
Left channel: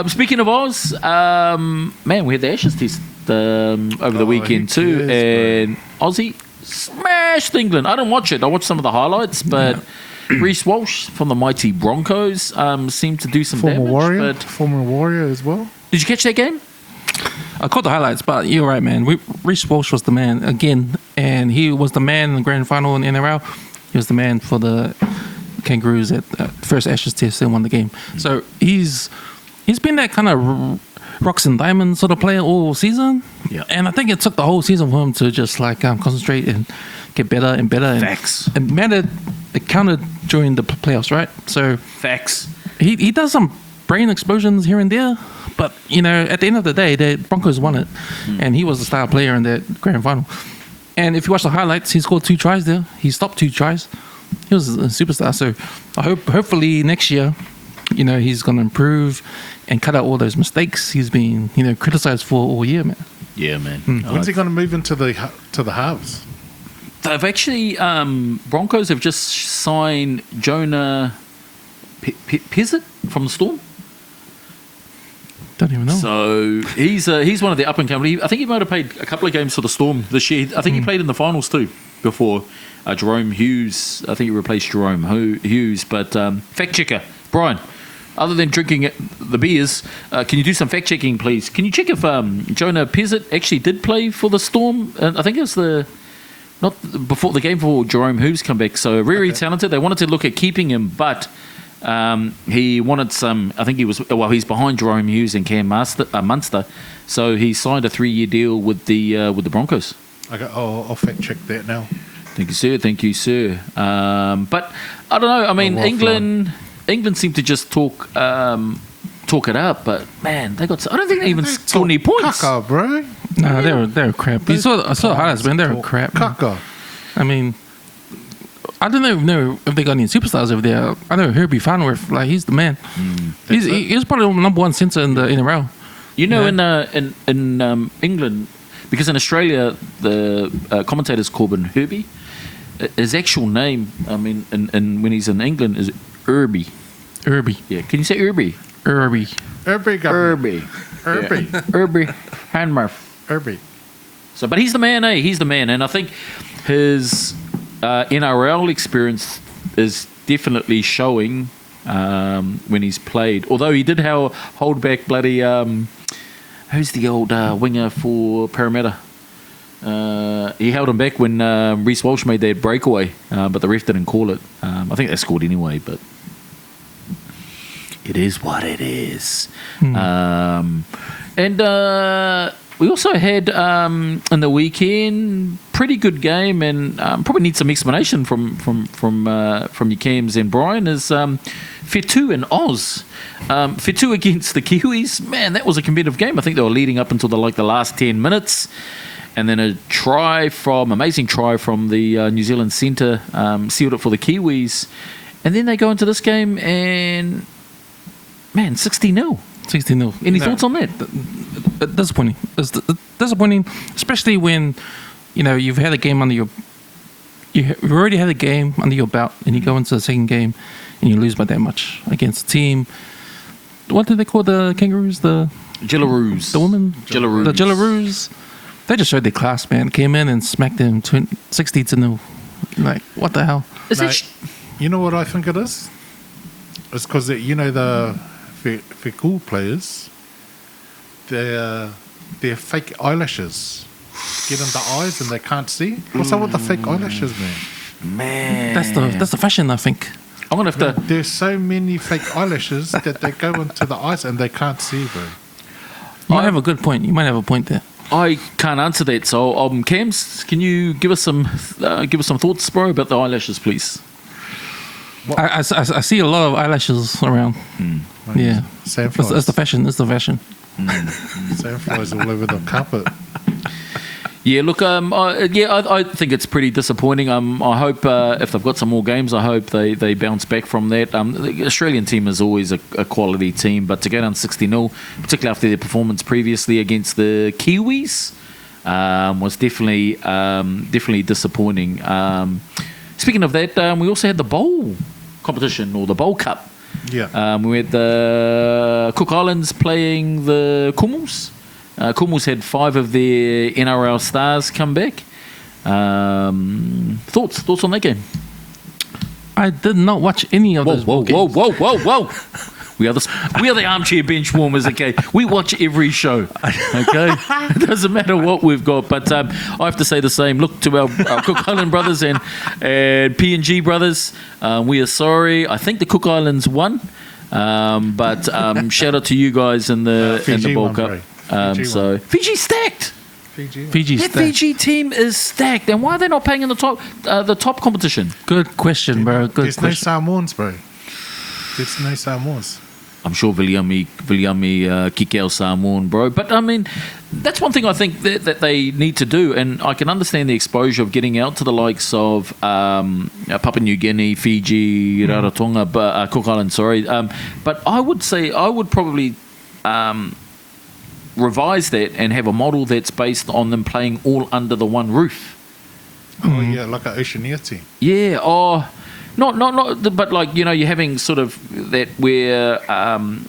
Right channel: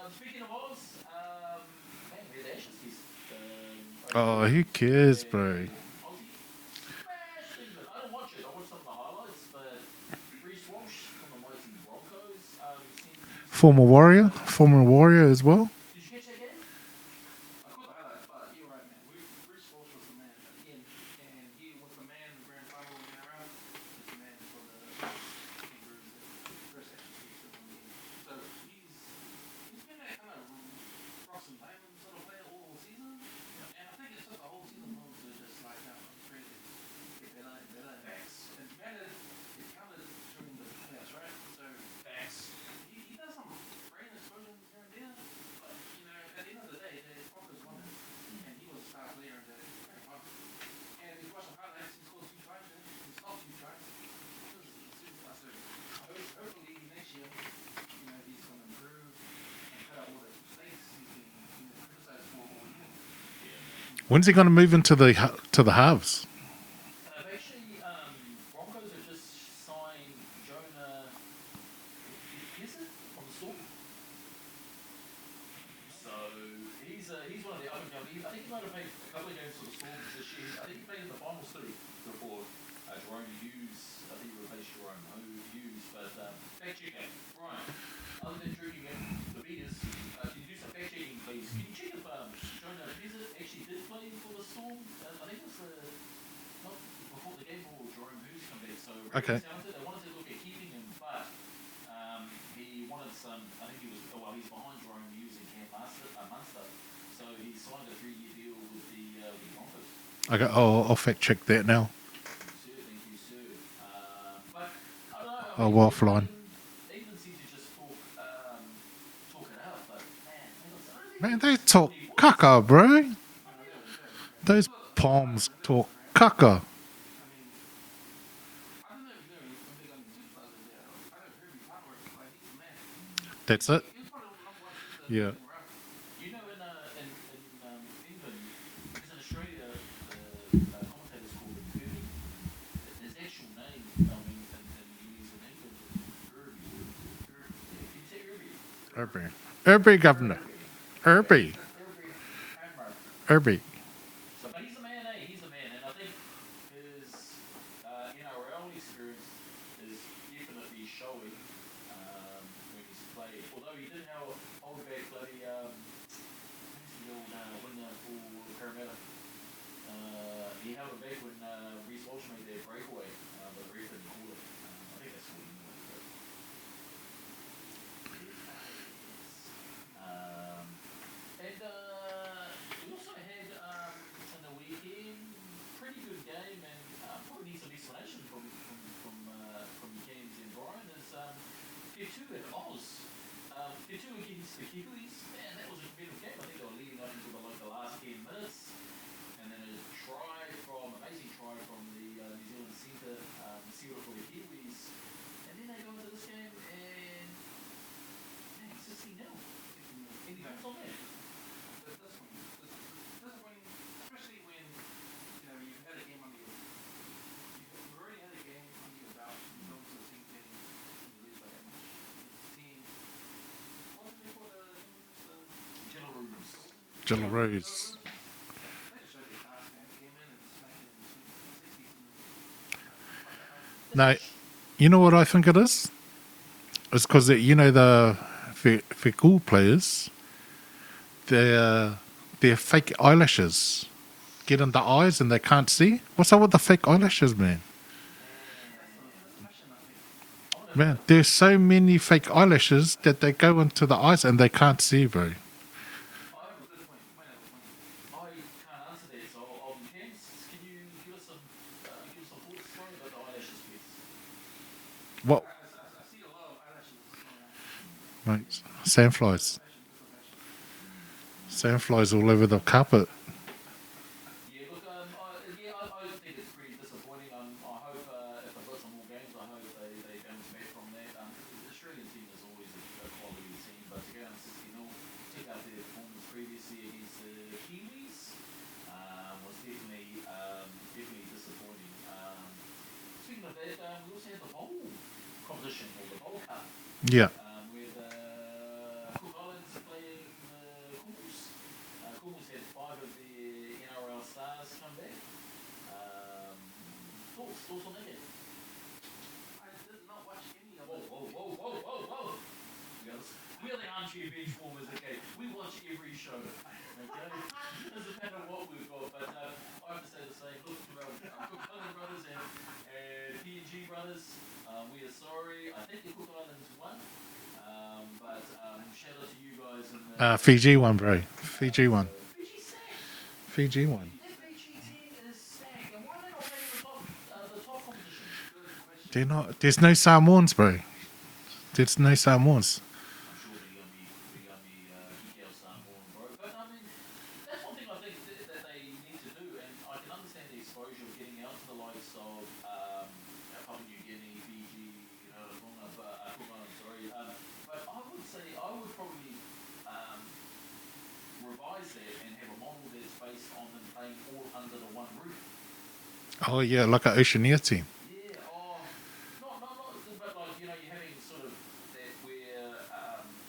Speaking of Oz, man, we had the Ashes test over the weekend who too, cares, and Aussie smashed England. I didn't watch it. I watched some of the highlights, but Reece Walsh from the Mighty Broncos seemed to do some damage. Former Warrior as well. Did you catch that game? I caught the highlights, but you're right, man. Reece Walsh was the man again, and he was the man in the grand final in the NRL. He was the man for the Kangaroos at first Ashes test and won the game. So he's been that kind of rocks and diamonds sort of player all season. Yeah. And I think it took the whole season for him to just like concentrate and get better and better. Facts. And it counted during the playoffs, right? So Facts. he does some brain explosions here and there, but at the end of the day, the Broncos won it, and he was the star player in that grand final. And if you watch the highlights, he scored 2 tries there. He stopped 2 tries. He was a superstar. So hopefully next year, he's going to improve and cut out all those mistakes he's been criticized for all year, man. Yeah, man. When's he going to move into the halves? They've actually Broncos have just signed Jonah Pizzett from the Storm. Don't even know. So he's one of the up and coming. I think he might have played a couple of games for the Storm this year. I think he played in the finals too before Jerome Hughes. I think he replaced Jerome Hughes. But fact checker Brian, other than drinking the beers, can you do some fact checking, please? Can you check if Jonah Pizzett actually did play for the Storm? I think it was not before the game before Jerome Hughes come back. So very talented. They wanted to look at keeping him, but he wanted some. I think he's behind Jerome Hughes and Cam Munster, so he signed a 3-year deal with the Broncos. Okay, I'll fact check that now. Thank you, sir. Thank you, sir. But I don't know. I mean, England seem to just talk it up, but man, they got. I don't think they even scored any points. Caca, bro. No, they're crap. I saw the highlights, man. They're crap. Caca. I mean, I don't know if they got any superstars over there. I know Herbie Farnworth, like he's the man. He's probably the number 1 centre in the NRL. In England, because in Australia the commentators call him Herbie. His actual name, I mean, when he's in England, is Herbie. Herbie. Yeah, can you say Herbie? Herbie. Herbie, governor. Herbie. Herbie. Hanmarth. Herbie. So, but he's the man, He's the man, and I think his NRL experience is definitely showing when he's played. Although he did hold back bloody who's the old winger for Parramatta? He held him back when Reece Walsh made their breakaway, but the ref didn't call it. I think they scored anyway, but it is what it is. And we also had in the weekend pretty good game, and probably need some explanation from your Cams and Brian. Is Whetu and Oz. Whetu against the Kiwis. Man, that was a competitive game. I think they were leading up until the last 10 minutes. And then amazing try from the New Zealand centre sealed it for the Kiwis. And then they go into this game and, man, 60-0. 60-0. Any thoughts on that? Disappointing. It's disappointing, especially when, you've had a game under your... You've already had a game under your belt, and you go into the second game and you lose by that much against a team. What do they call the Kangaroos? The Jillaroos. The women? Jillaroos. The Jillaroos. They just showed their class, man. Came in and smacked them 60-0. Like, what the hell? You know what I think it is? It's because, the Wheku players, their fake eyelashes get in the eyes and they can't see. What's up with the fake eyelashes, man? Man. That's the fashion, I think. I'm going to have to... There's so many fake eyelashes that they go into the eyes and they can't see, bro. You might have a good point. You might have a point there. I can't answer that. So, Cams, can you give us some thoughts, bro, about the eyelashes, please? I see a lot of eyelashes around. Yeah, Sandflies. It's the fashion. It's the fashion. Sandflies all over the carpet. Yeah, look, I think it's pretty disappointing. I hope if they've got some more games, I hope they bounce back from that. The Australian team is always a quality team, but to go down 60-0, particularly after their performance previously against the Kiwis, was definitely disappointing. Speaking of that, we also had the bowl competition, or the Bowl Cup. Yeah. We had the Cook Islands playing the Kumals. Kumals had 5 of their NRL stars come back. Thoughts on that game? I did not watch any of those. Whoa. We are the armchair bench warmers, okay? We watch every show, okay? It doesn't matter what we've got. But I have to say the same. Look to our Cook Island brothers and P&G brothers. We are sorry. I think the Cook Islands won. But shout out to you guys in the Fiji Bowl won, Cup. bro. Fiji won. Fiji stacked. Fiji won. That Fiji team is stacked. And why are they not playing in the top competition? Good question, bro. Good There's no question. Samoans, bro. There's no Samoans. I'm sure Viliami Kikeo Samoan, bro. But, I mean, that's one thing I think that they need to do. And I can understand the exposure of getting out to the likes of Papua New Guinea, Fiji, Rarotonga, Cook Island, sorry. But I would say I would probably revise that and have a model that's based on them playing all under the one roof. Oh, yeah, like an Oceania team. Yeah, not, but like, you know, you're having sort of that where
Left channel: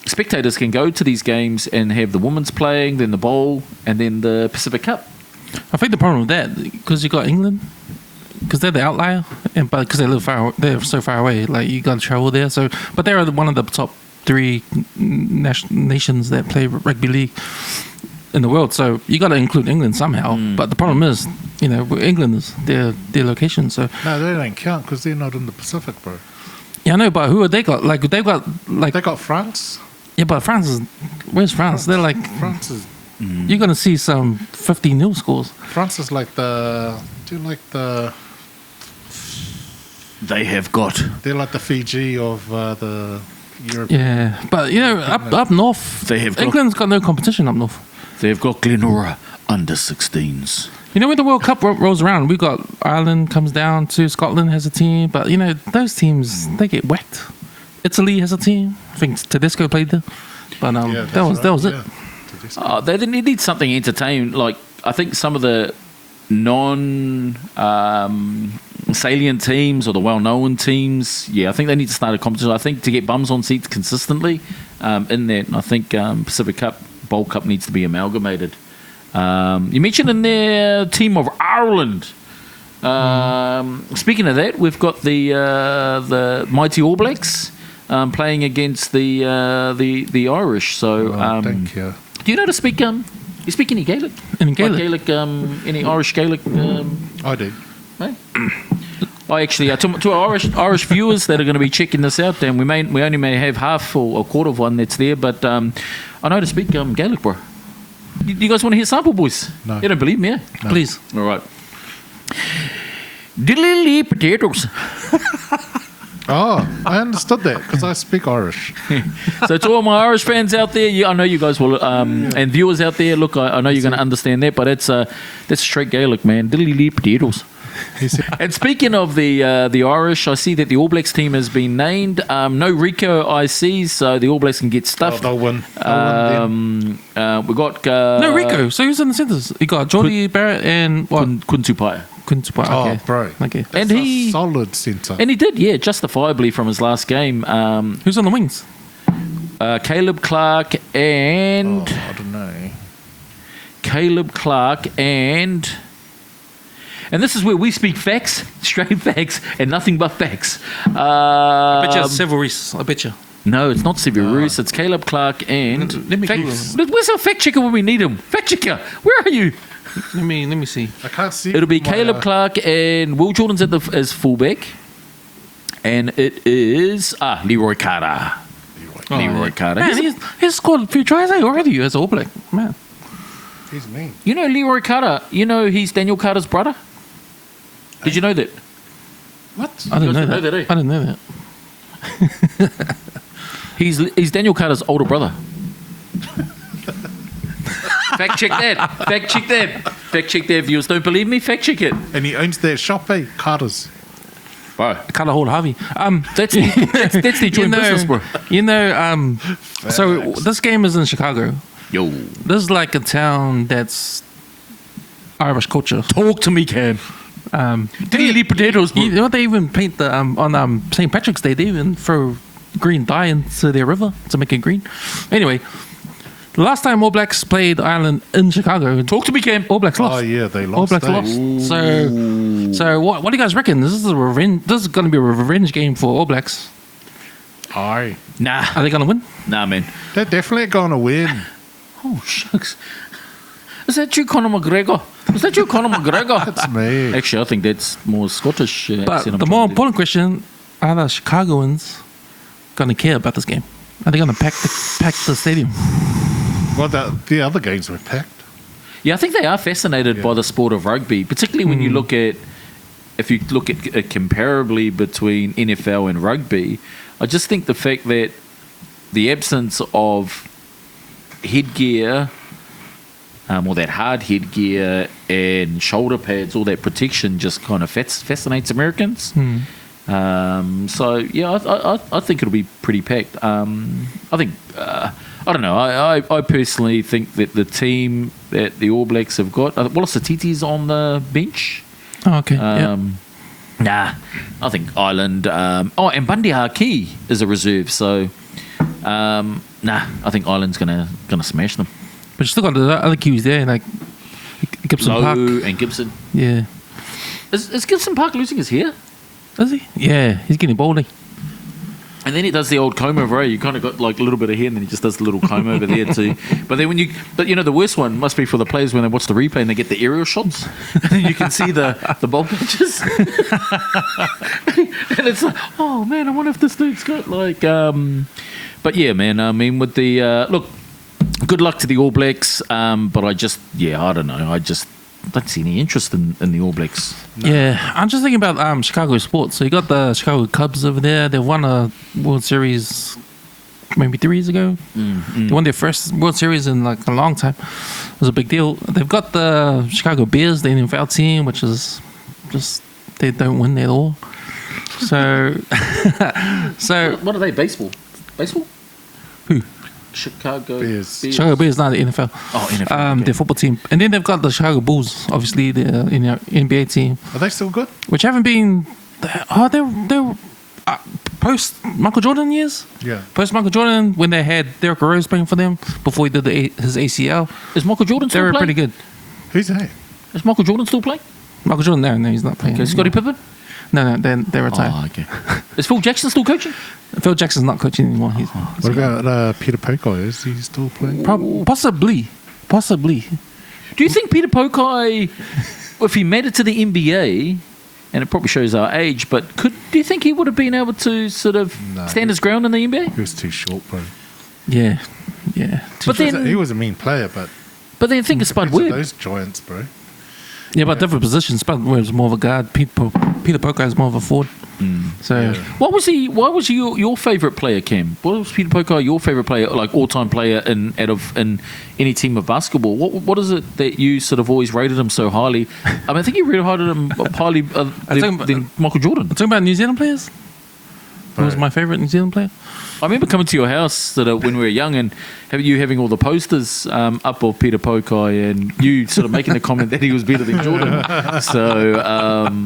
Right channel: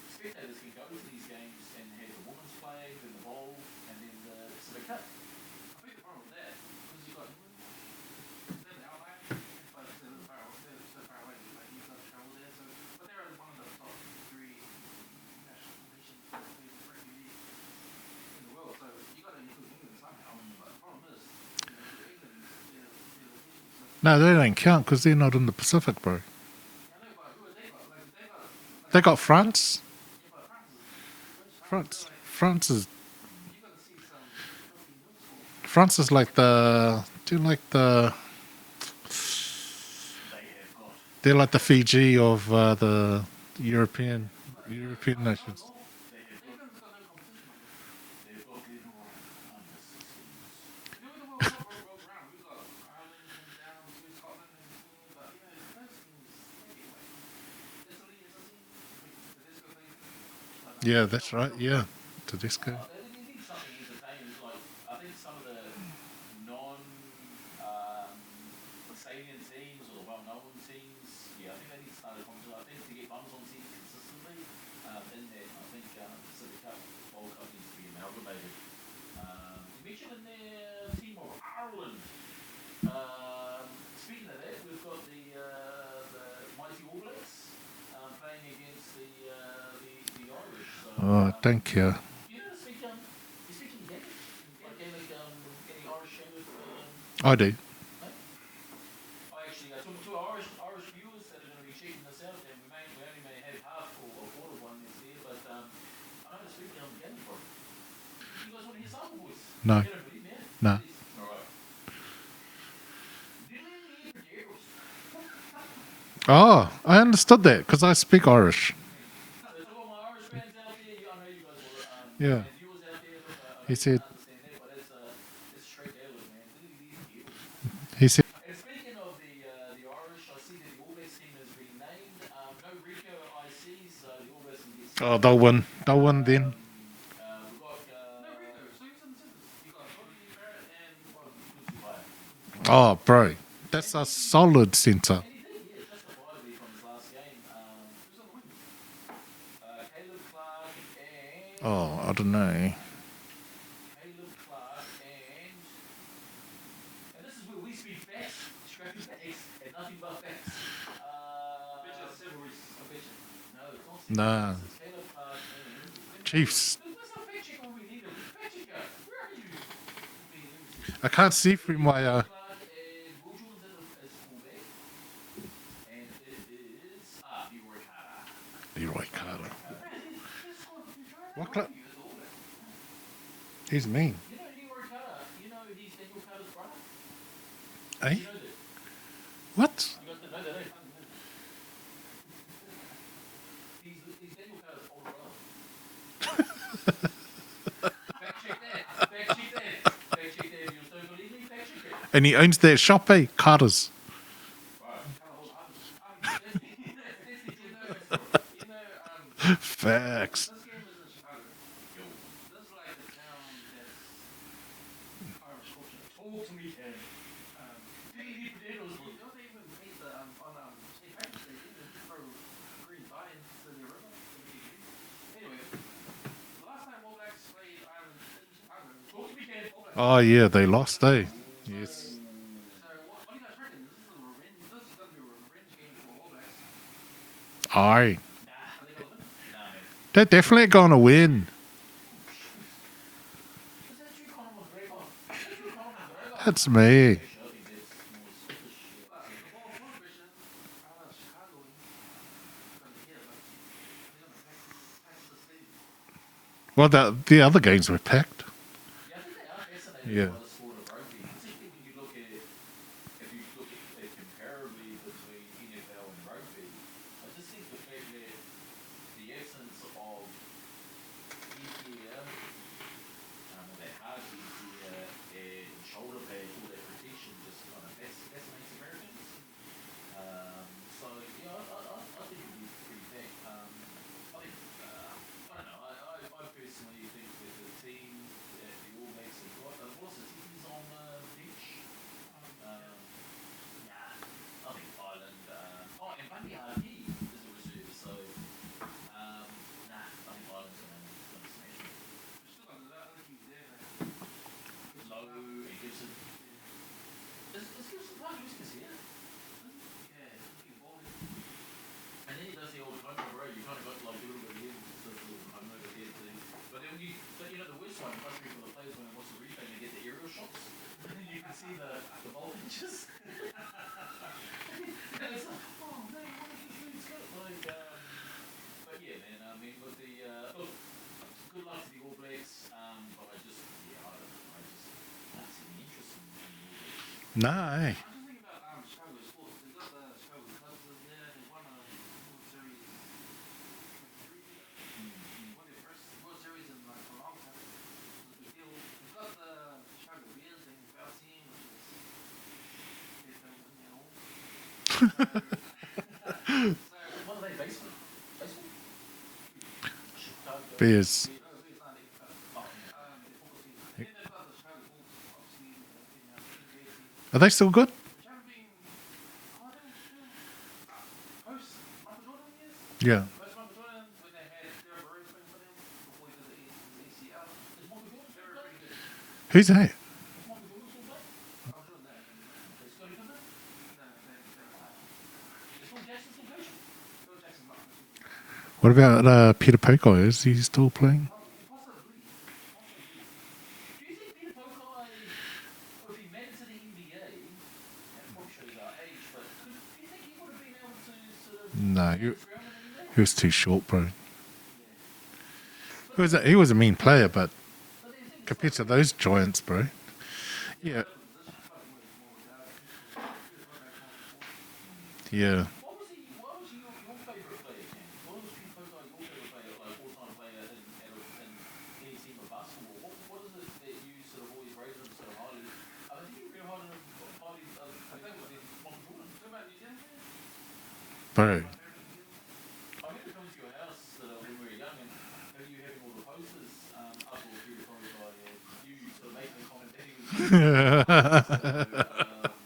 spectators can go to these games and have the women's playing, then the bowl, and then the Pacific Cup. I think the problem with that, because you got England, because they're the outlier, and but because they're so far away, like you got to travel there. So, but they're one of the top 3 nations that play rugby league in the world. So you got to include England somehow. But the problem is, you know, England is their location. So No, they don't count because they're not in the Pacific, bro. yeah, I know, but who have they got? Like they've got like They got France. yeah, but France is where's France? They're like France is you're gonna see some 50-0 scores. France is like the They have got. they're like the Fiji of the European. Yeah, but you know, up north, They have got- England's got no competition up north. They've got Glenora under 16s. You know, when the World Cup rolls around, we got Ireland comes down to Scotland has a team, but you know those teams they get whacked. Italy has a team. I think Tedesco played there, but Yeah, that was it. Tedesco. They need something entertaining. Like, I think some of the salient teams or the well-known teams, I think they need to start a competition. I think to get bums on seats consistently in that, I think Pacific Cup, Bowl Cup needs to be amalgamated. You mentioned in there team of Ireland. Speaking of that, we've got the Mighty All Blacks playing against the Irish. So, Thank you. do you know to speak? You speak any Gaelic? In Gaelic. Like Gaelic, any Irish Gaelic? I do. Hey? I actually, to our Irish viewers that are going to be checking this out, and we only may have half or a quarter of one that's there, but I know to speak Gaelic, bro. You guys want to hear sample, boys? No. You don't believe me, eh? No. Please. All right. Diddly potatoes. Oh, I understood that because I speak Irish. So to all my Irish fans out there, I know you guys will, and viewers out there, look, I know you're going to understand that, but that's straight Gaelic, man. Diddly potatoes. He said, And speaking of the Irish, I see that the All Blacks team has been named. No Rico ICs, so the All Blacks can get "Oh, stuffed. they'll win. They'll win then." We got No, Rico. So who's in the centres? You got Geordie Barrett and what? Kuntupai. Kuntupai. Oh, Okay. bro. Okay. That's And a he- solid centre. And he did, justifiably from his last game. Who's on the wings? Caleb Clark and Oh, I don't know. Caleb Clark and this is where we speak facts, straight facts, and nothing but facts. I bet you it's Seville Reese. I bet you. No, it's not Severus. It's Caleb Clark and. Let me check. Chiefs. Where's our fact checker when we need him? Fact checker, where are you? Let me see. I can't see. It'll be from my, Caleb Clark and Will Jordan's as fullback, and it is Leroy Carter. Leroy Carter. Man, he's scored a few tries already as All Black. Man. He's mean. You know Leroy Carter. You know he's Daniel Carter's brother. Did you know that? What? I didn't You know guys that. know that, eh? I didn't know that. He's Daniel Carter's older brother. Fact check that. Fact check that. Fact check there, viewers. Don't believe me? Fact check it. And he owns that shop, Carter's. Bro, Colour Hall Harvey. that's the joint business, bro. So this game is in Chicago. Yo. This is like a town that's Irish culture. Talk to me, Cam. Daily potatoes, bro. You know, they even paint the on St. Patrick's Day. They even throw green dye into their river to make it green. Anyway, the last time All Blacks played Ireland in Chicago, Talk to me, Cam. All Blacks lost. Oh, yeah, they All lost. Blacks lost. So what do you guys reckon? This is going to be a revenge game for All Blacks. Aye. Nah. Are they going to win? Nah, man. They're definitely going to win. Oh, shucks. Is that you, Conor McGregor? That's me. Actually, I think that's more Scottish. But accent the I'm more trying to do. important question, are the Chicagoans going to care about this game? Are they going to pack the stadium? Well, the other games were packed. Yeah, I think they are fascinated by the sport of rugby, particularly when you look at, if you look at it comparably between NFL and rugby. I just think the fact that the absence of headgear, or that hard headgear and shoulder pads, all that protection just kind of fascinates Americans. So, yeah, I think it'll be pretty packed. I think... I don't know. I personally think that the team that the All Blacks have got, Wallace Atiti's on the bench. Oh, okay. Nah, I think Ireland. And Bundy Haki is a reserve. So, I think Ireland's gonna smash them. But you still got the other Kiwis there, like Gibson Park. and Gibson. Yeah. Is Gibson Park losing his hair? Is he? Yeah, he's getting baldy. And then he does the old comb over. You kind of got like a little bit of hair, and then he just does the little comb over there too. But then the worst one must be for the players when they watch the replay and they get the aerial shots, and you can see the ball patches. And it's like, oh man, I wonder if this dude's got like. But yeah, man. I mean, with the look, good luck to the All Blacks. But I don't know. I just don't see any interest in the All Blacks. No. Yeah, I'm just thinking about Chicago sports. So you got the Chicago Cubs over there. They won a World Series maybe 3 years ago. They won their first World Series in like a long time. It was a big deal. They've got the Chicago Bears, the NFL team, which is just they don't win at all. So, What are they? Baseball? Who? Chicago Bears. Chicago Bears, not the NFL. Oh, NFL. Okay. Their football team, and then they've got the Chicago Bulls, obviously the NBA team, Are they still good? which haven't been. They're post Michael Jordan years. Yeah. Post Michael Jordan, when they had Derrick Rose playing for them before he did his ACL, Is Michael Jordan they still were playing? pretty good. Who's that? Is Michael Jordan still playing? Michael Jordan, no, he's not playing. Okay, Scottie Pippen? No, they're retired. Oh, okay. Is Phil Jackson still coaching? Phil Jackson's not coaching anymore. He's What about Peter Pokai? Is he still playing? possibly. Do you think Peter Pokai, if he made it to the NBA, and it probably shows our age, but do you think he would have been able to sort of No, stand his ground in the NBA? He was too short, bro. Yeah. But then, He was a mean player, but think of Spud compared to Webb. those giants, bro. Yeah, but different positions. Spud was more of a guard. Peter Pokai is more of a forward. So Yeah. Why was your favourite player, Cam? What was Peter Pokai your favourite player, like all-time player in any team of basketball? What is it that you sort of always rated him so highly? I mean, I think you rated him highly than Michael Jordan. talking about New Zealand players. Who was Right. my favourite New Zealand player? I remember coming to your house when we were young and having all the posters up of Peter Pokai and you sort of making the comment that he was better than Jordan. So,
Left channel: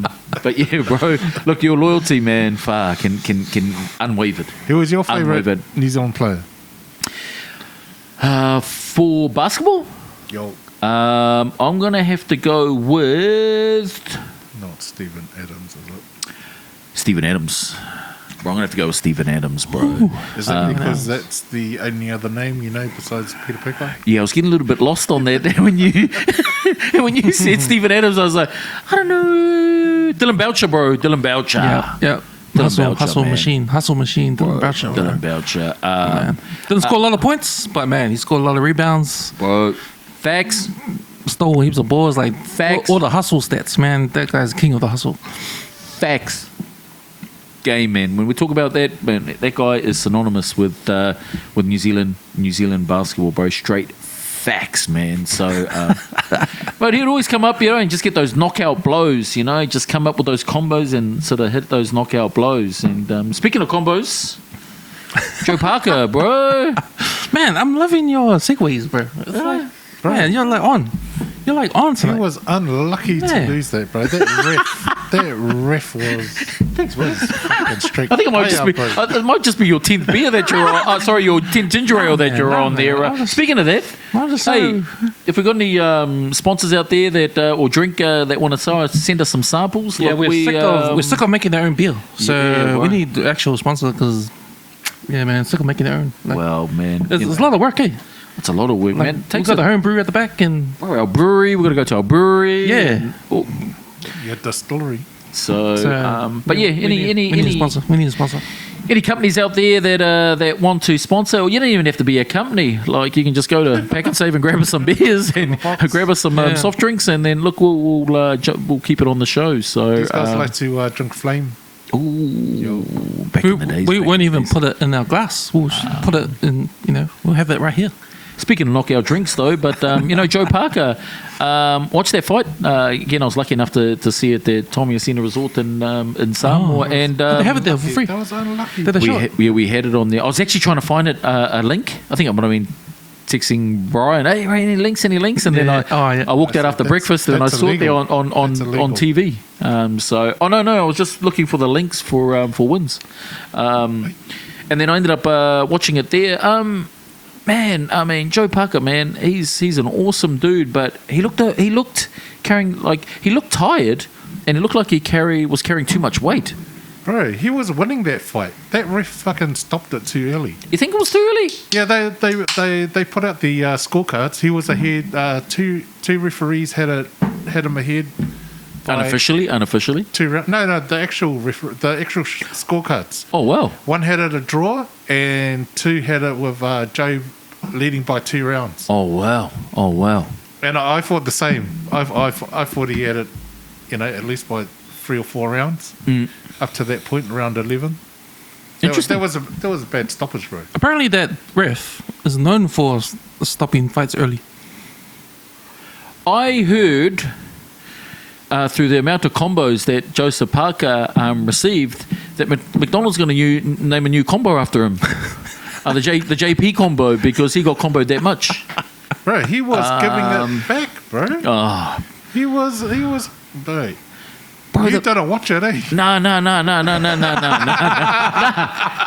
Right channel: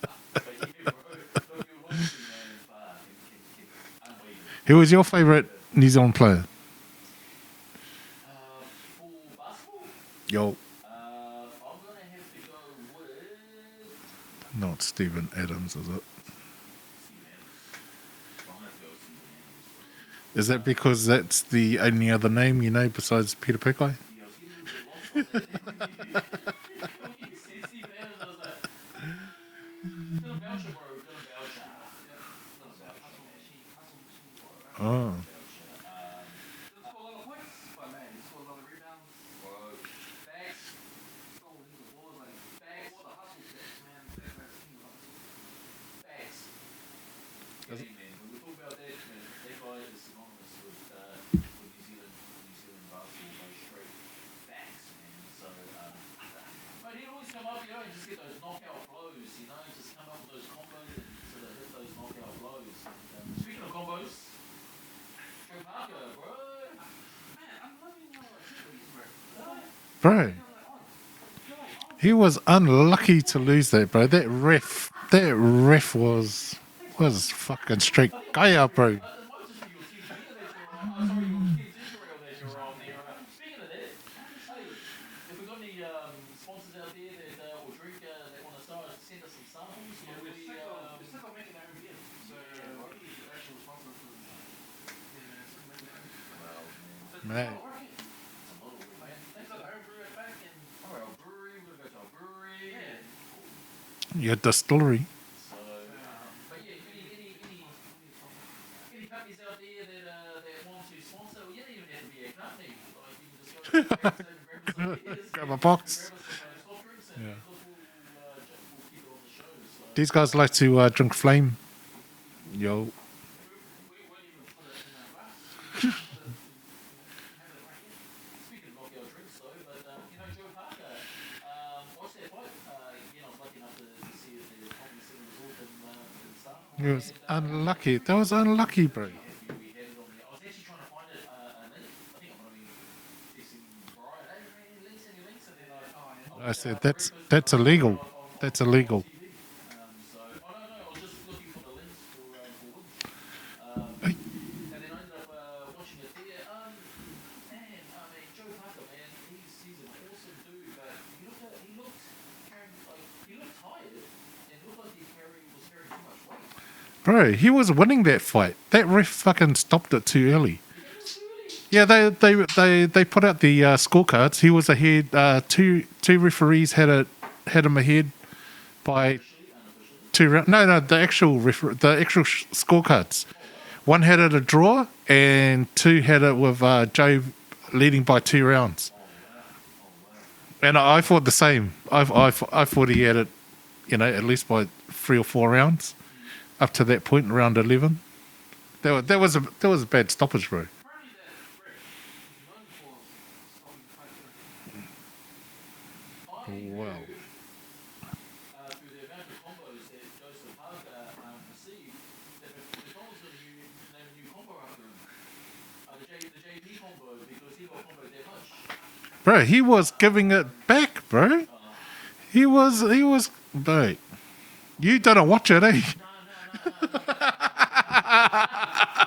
but yeah, bro, look, your loyalty, man, can unwavered. Who was your favourite Unwavered. New Zealand player? For basketball, Yo. I'm gonna have to go with Not Stephen Adams, is it? Steven Adams. Bro, I'm gonna have to go with Steven Adams, bro. Is that because that's the only other name you know besides Peter Pokai? Yeah, I was getting a little bit lost on that when you said Steven Adams. I was like, I don't know, Dillon Boucher, bro. Dillon Boucher. Yeah. Dillon Boucher, Hustle man. machine. Dillon Boucher. Dillon Boucher. Man. Didn't score a lot of points, but man, he scored a lot of rebounds. Bro, facts. Stole heaps of balls. Like Facts. all the hustle stats, man. That guy's king of the hustle. Facts. Game, man. When we talk about that, man, that guy is synonymous with New Zealand basketball, bro. Straight facts, man. So, but he'd always come up, and just get those knockout blows, just come up with those combos and sort of hit those knockout blows. And speaking of combos, Joe Parker, bro. Man, I'm loving your segues, bro. It's like, Bro. man, you're like on. You're like on. He tonight. was unlucky to Yeah. lose that, bro. That ref was fucking strict. I think bro. it might just be your 10th beer that you're on. Sorry, your 10th ginger ale that you're on there. Speaking of that, I'm just hey, saying. if we've got any sponsors out there that or drink that want to send us some samples, Yeah, look, we're sick of making our own beer. So Yeah, we bro. need the actual sponsor because, yeah, man, sick of making our own. Like, Well, man, it's a lot of work, eh? it's a lot of work, Like, man. we've Takes got the home brew at the back, and our brewery. We've got to go to our brewery. Yeah. Oh, Your distillery. so, so but yeah, we need a sponsor. We need a sponsor. any companies out there that want to sponsor, or you don't even have to be a company. Like you can just go to Pack and Save and grab us some beers and grab us some Yeah. soft drinks, and then look, we'll keep it on the show. So These guys like to drink flame. ooh, back in the days. We back won't in the even days. put it in our glass. We'll just put it in. We'll have it right here. Speaking of knockout drinks, though, but Joe Parker, watched that fight again. I was lucky enough to see it at Toa Samoa Resort in Samoa, and they have it there for free. That was unlucky. Did they show it? we had it on there. I was actually trying to find it a link. I think I might have been texting Brian, hey, any links? And then Yeah. I walked I out said, after that's- breakfast and I that's saw it there illegal. on That's illegal. TV. No, I was just looking for the links for wins. And then I ended up watching it there. Man, I mean, Joe Parker, man, he's an awesome dude, but he looked tired, and he looked like he was carrying too much weight. Bro, he was winning that fight. That ref fucking stopped it too early. You think it was too early? Yeah, they put out the scorecards. He was ahead. Two referees had him ahead by Unofficially. 2 rounds. No, the actual scorecards. Oh wow. One had it a draw, and 2 had it with Joe leading by 2 rounds. Oh wow. And I thought the same. I thought he had it, at least by 3 or 4 rounds up to that point, round 11. That was a bad stoppage, bro. Apparently, that ref is known for stopping fights early. I heard through the amount of combos that Joseph Parker received that McDonald's going to name a new combo after him. The JP combo, because he got comboed that much. Bro, he was giving it back, bro. Oh. He was, bro. You didn't watch it, eh?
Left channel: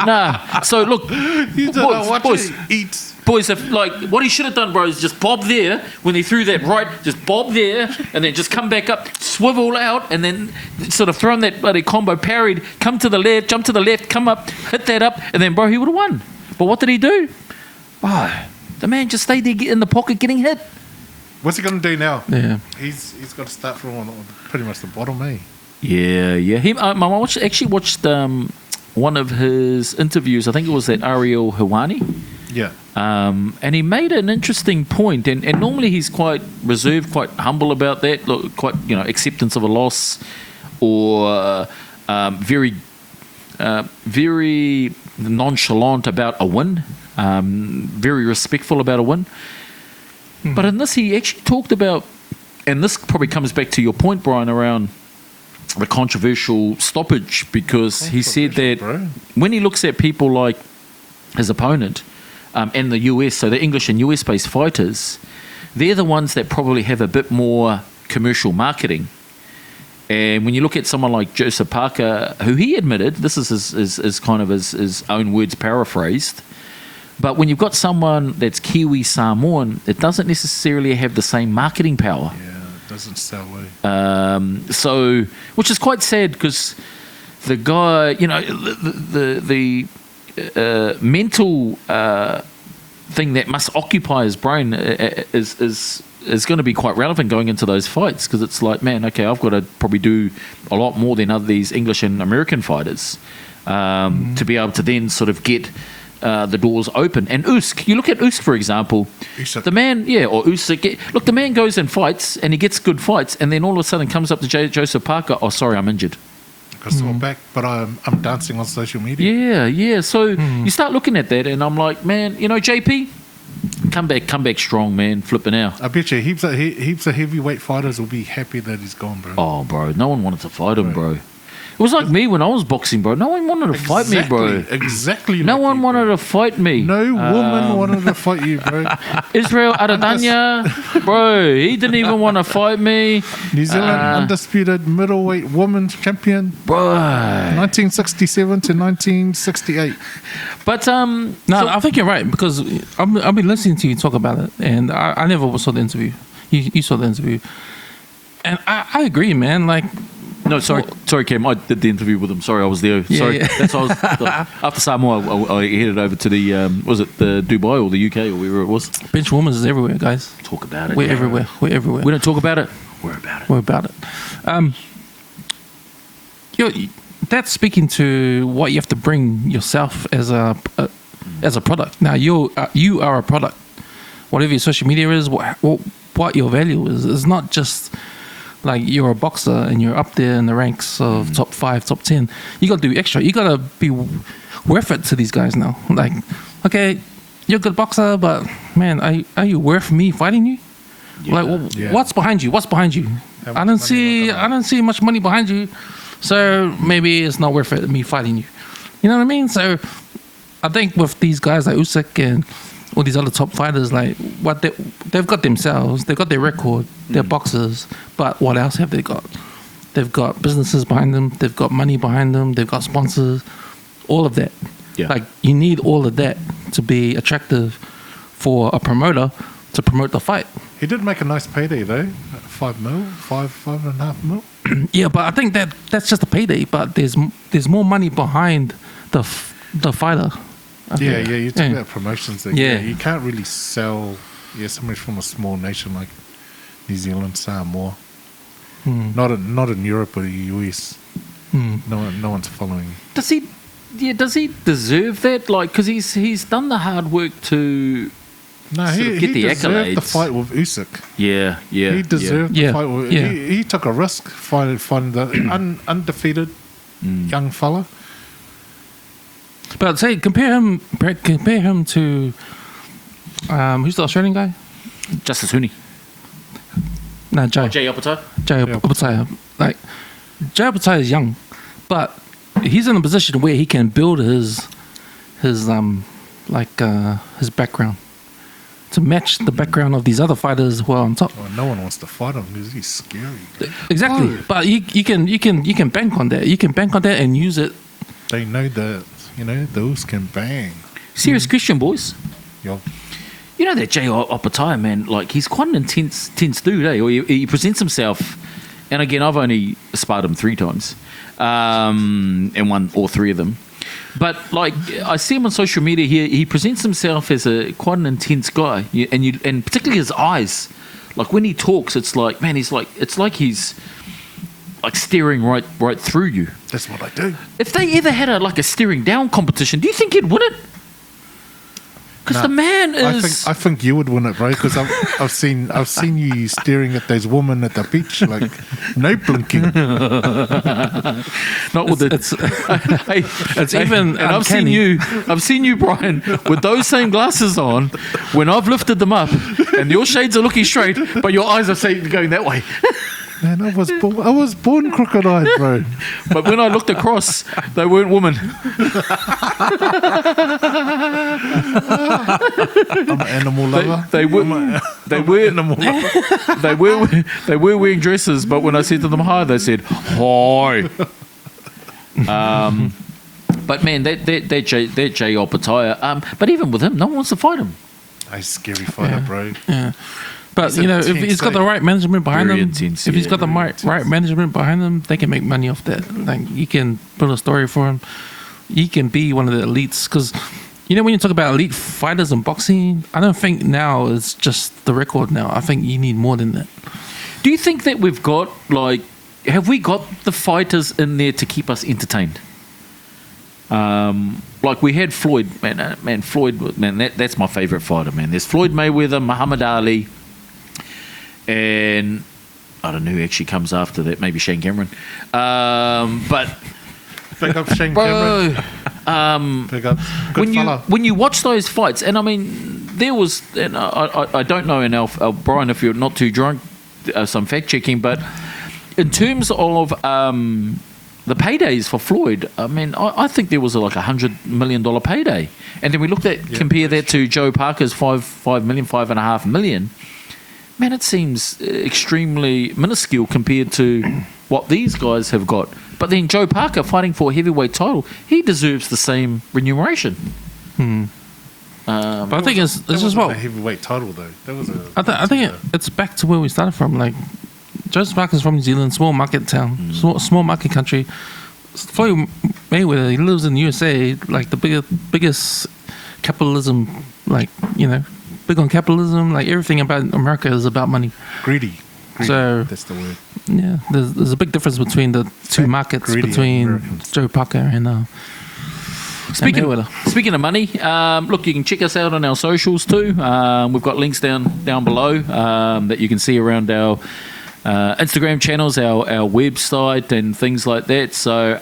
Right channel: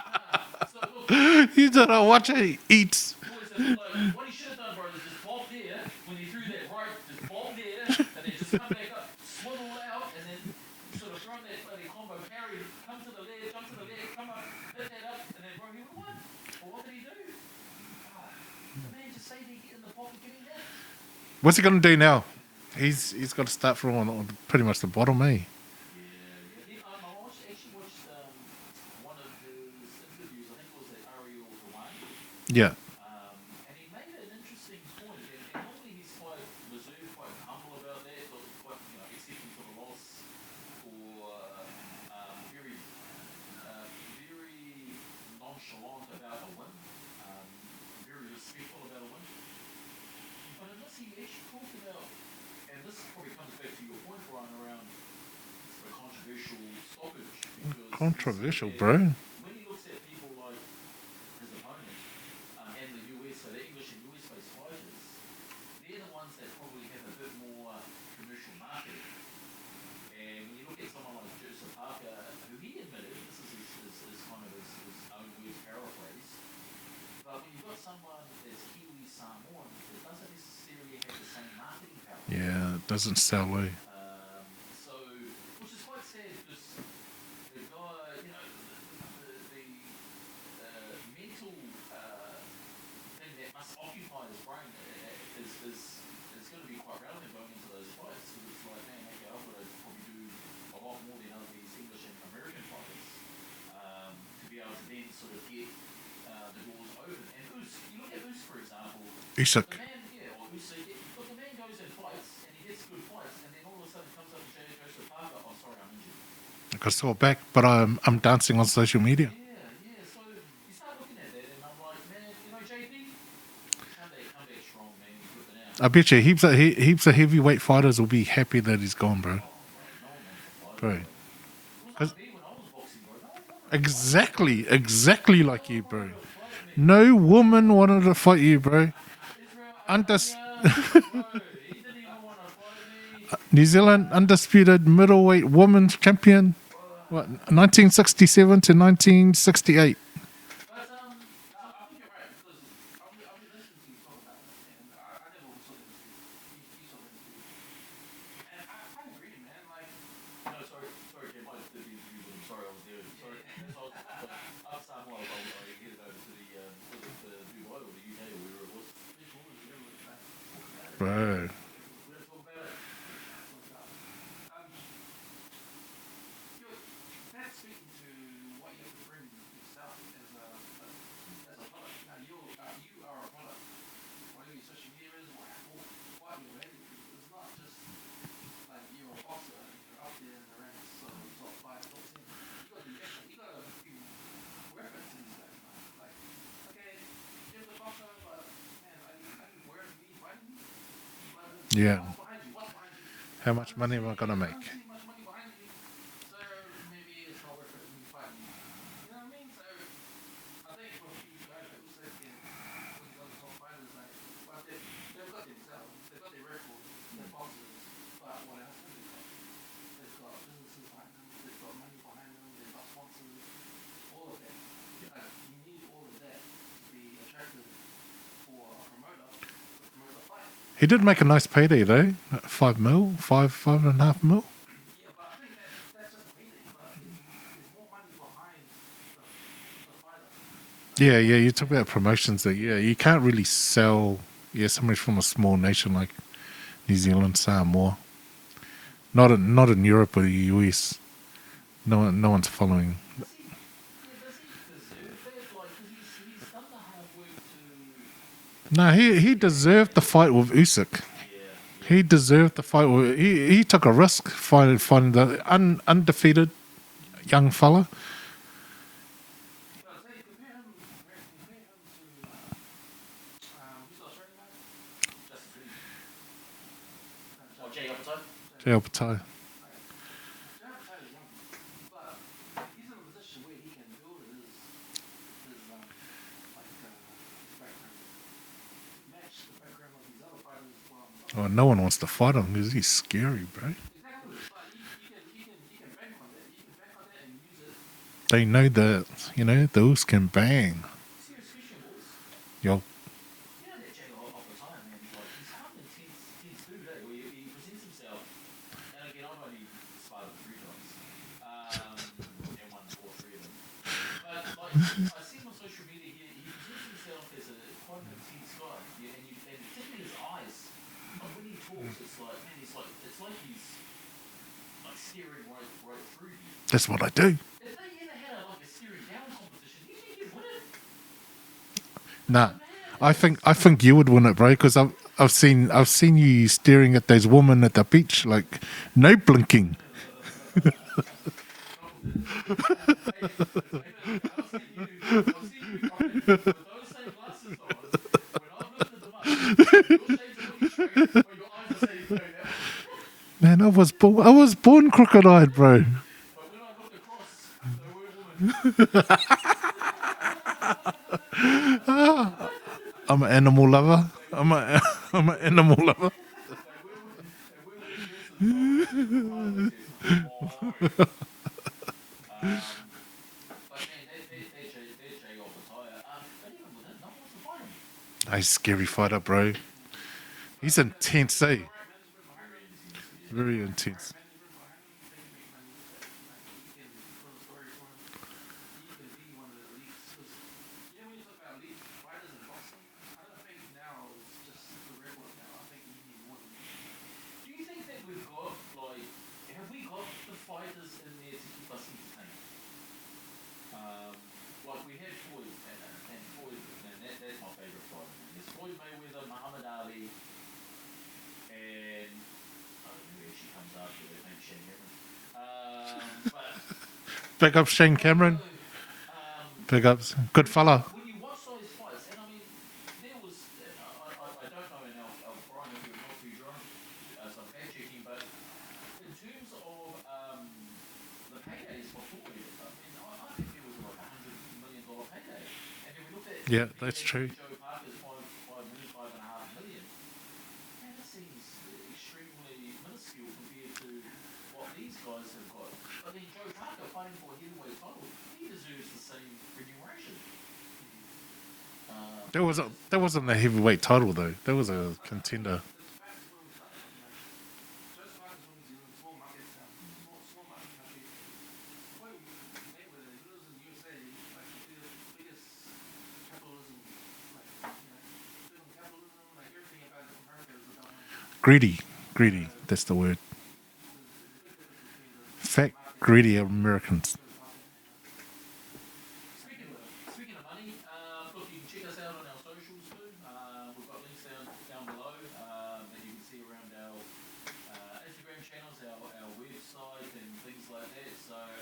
No. So look, You didn't watch boys, it. Eat. Boys, what he should have done, bro, is just bob there when he threw that right, just bob there, and then just come back up, swivel out, and then sort of thrown that bloody combo, parried, come to the left, jump to the left, come up, hit that up, and then, bro, he would have won. But what did he do? Oh, the man just stayed there in the pocket getting hit. What's he going to do now? Yeah. He's got to start from on pretty much the bottom, eh? Yeah. My mom actually watched one of his interviews. I think it was at Ariel Hawani. Yeah. And he made an interesting point, and normally he's quite reserved, quite humble about that, quite acceptance of a loss, or very nonchalant about a win, very respectful about a win. But in this, he actually talked about, and this probably comes back to your point, Brian, around the controversial stoppage, because he said that when he looks at people like his opponent and the US, so the English and US-based fighters, they're the ones that probably have a bit more commercial marketing. And when you look at someone like Joseph Parker, who he admitted, this is his kind of his own words paraphrased, but when you've got someone that's Kiwi Samoan, it doesn't necessarily have the same marketing power. Yeah, it doesn't sell, eh? So, which is quite sad, because the guy, the mental thing that must occupy his brain is going to be quite relevant going into those fights, because it's like, man, okay, I've got to probably do a lot more than these English and American fighters to be able to then sort of get the doors open. And Usyk, you look at Usyk, for example, Usyk. the man, or Usyk, look, the man goes and fights, and he gets good fights, and then all of a sudden comes up to Joseph Parker, oh, sorry, I'm injured. I got sore back, but I'm dancing on social media. Yeah. So you start looking at that, and I'm like, man, JP, Come back strong, man. Flipping out. I bet you heaps of heavyweight fighters will be happy that he's gone, bro. Oh, bro, no one wanted to fight him, Right. bro. It was like me when I was boxing, bro. No one wanted to fight me, bro. Exactly. No like one you, wanted bro. to fight me. No woman wanted to fight you, bro. Israel Adesanya, bro, he didn't even want to fight me, New Zealand undisputed middleweight women's champion, bro. 1967 to 1968. But No, I think you're right because I've been listening to you talk about it, and I never saw the interview. You saw the interview, and I agree, man. Like, no, sorry, Cam. I did the interview with him. Sorry, I was there. Yeah, Sorry, yeah. that's why after Samoa, I headed over to the was it the Dubai or the UK or wherever it was. benchwarmers is everywhere, guys. Talk about it. We're bro. everywhere. We're everywhere. We don't talk about it. We're about it. We're about it. That's speaking to what you have to bring yourself as a product. Now you are a product. Whatever your social media is, what your value is. It's not just like you're a boxer and you're up there in the ranks of top 5, top 10. You got to do extra. You got to be worth it to these guys now. Like, okay, you're a good boxer, but man, are you worth me fighting you? Yeah. Like, Yeah. what's behind you? What's behind you? How I much don't money see. am I gonna I don't see much money behind you. So maybe it's not worth it me fighting you. You know what I mean? So I think with these guys like Usyk and all these other top fighters, like what they've got themselves, they've got their record, they're boxers, but what else have they got? They've got businesses behind them, they've got money behind them, they've got sponsors, all of that. Yeah. Like you need all of that to be attractive for a promoter to promote the fight. He did make a nice payday though, five and a half mil. Yeah, but I think that's just a payday. But there's more money behind the fighter. I Yeah, think. yeah. You talk Yeah. about promotions. That, Yeah. yeah, you can't really sell. Yeah, somebody from a small nation like New Zealand, Samoa. Not in Europe or the US. No one's following. Does he? Yeah. Does he deserve that? Like, because he's done the hard work to. No, Sort of get he the deserved the accolades. fight with Usyk. Yeah. Yeah. He deserved Yeah. the fight with. Yeah. He took a risk finding the undefeated young fella. But say compare him to who's the Australian guy? Justice Huni. No, Jay. Jay Opata. Jay Jay Opataia. Like Jay Opataia is young, but he's in a position where he can build his background to match the background of these other fighters who are on top. Oh, no one wants to fight him because he's scary, bro. Exactly, but you can bank on that. You can bank on that and use it. They know that those can bang. Serious Christian boys. Yo, You know that Jay Opataia, man, like he's quite an intense dude, eh? Or he presents himself, and again, I've only sparred him 3 times, and won all 3 of them. But like I see him on social media here, he presents himself as quite an intense guy, and particularly his eyes, like when he talks, it's like, man, it's like he's like staring right through you. that's what I do. If they ever had a staring down competition, do you think he'd win it? Because Nah, the man is. I think you would win it, bro. Because I've seen you staring at those women at the beach, like no blinking. Not with the. It's even And uncanny. I've seen you, Brian, with those same glasses on. When I've lifted them up, and your shades are looking straight, but your eyes are going that way. Man, I was born crooked-eyed, bro. But when I looked across, they weren't women. I'm an animal lover. They were. They were. Animal lover. They were wearing dresses, but when I said to them hi, they said hi. But man, that Jay Opataia. But even with him, no one wants to fight him. He's a scary fighter, bro. Yeah. But He's if intense, he's got the eh? right management behind Very him, intense, if he's yeah, got the very right management behind him, they can make money off that. Like you can build a story for him. He can be one of the elites because when you talk about elite fighters in boxing, I don't think now it's just the record. Now I think you need more than that. Do you think that we've got have we got the fighters in there to keep us entertained? Like we had Floyd, Floyd, that's my favourite fighter, man. There's Floyd Mayweather, Muhammad Ali, and I don't know who actually comes after that. Maybe Shane Cameron. But Pick up Shane Cameron. bro, Pick up. Good fella. when you watch those fights, and I mean, there was, and I don't know, and Brian, if you're not too drunk, some fact checking, but in terms of the paydays for Floyd, I mean, I think there was like $100 million payday, and then we looked at compare that to Joe Parker's $5.5 million. Man, it seems extremely minuscule compared to what these guys have got. But then Joe Parker fighting for a heavyweight title, he deserves the same remuneration. But I think it's just wasn't a heavyweight title though. That was a. I think it's back to where we started from. Like, Joseph Parker's from New Zealand, small market town, small market country. Floyd Mayweather, he lives in the USA, like the biggest capitalism, like, you know, big on capitalism. Like, everything about America is about money. Greedy. So, that's the word. Yeah, there's a big difference between the two markets, between Americans. Joe Parker and Speaking of money, look, you can check us out on our socials too. We've got links down below that you can see around our Instagram channels, our website, and things like that. So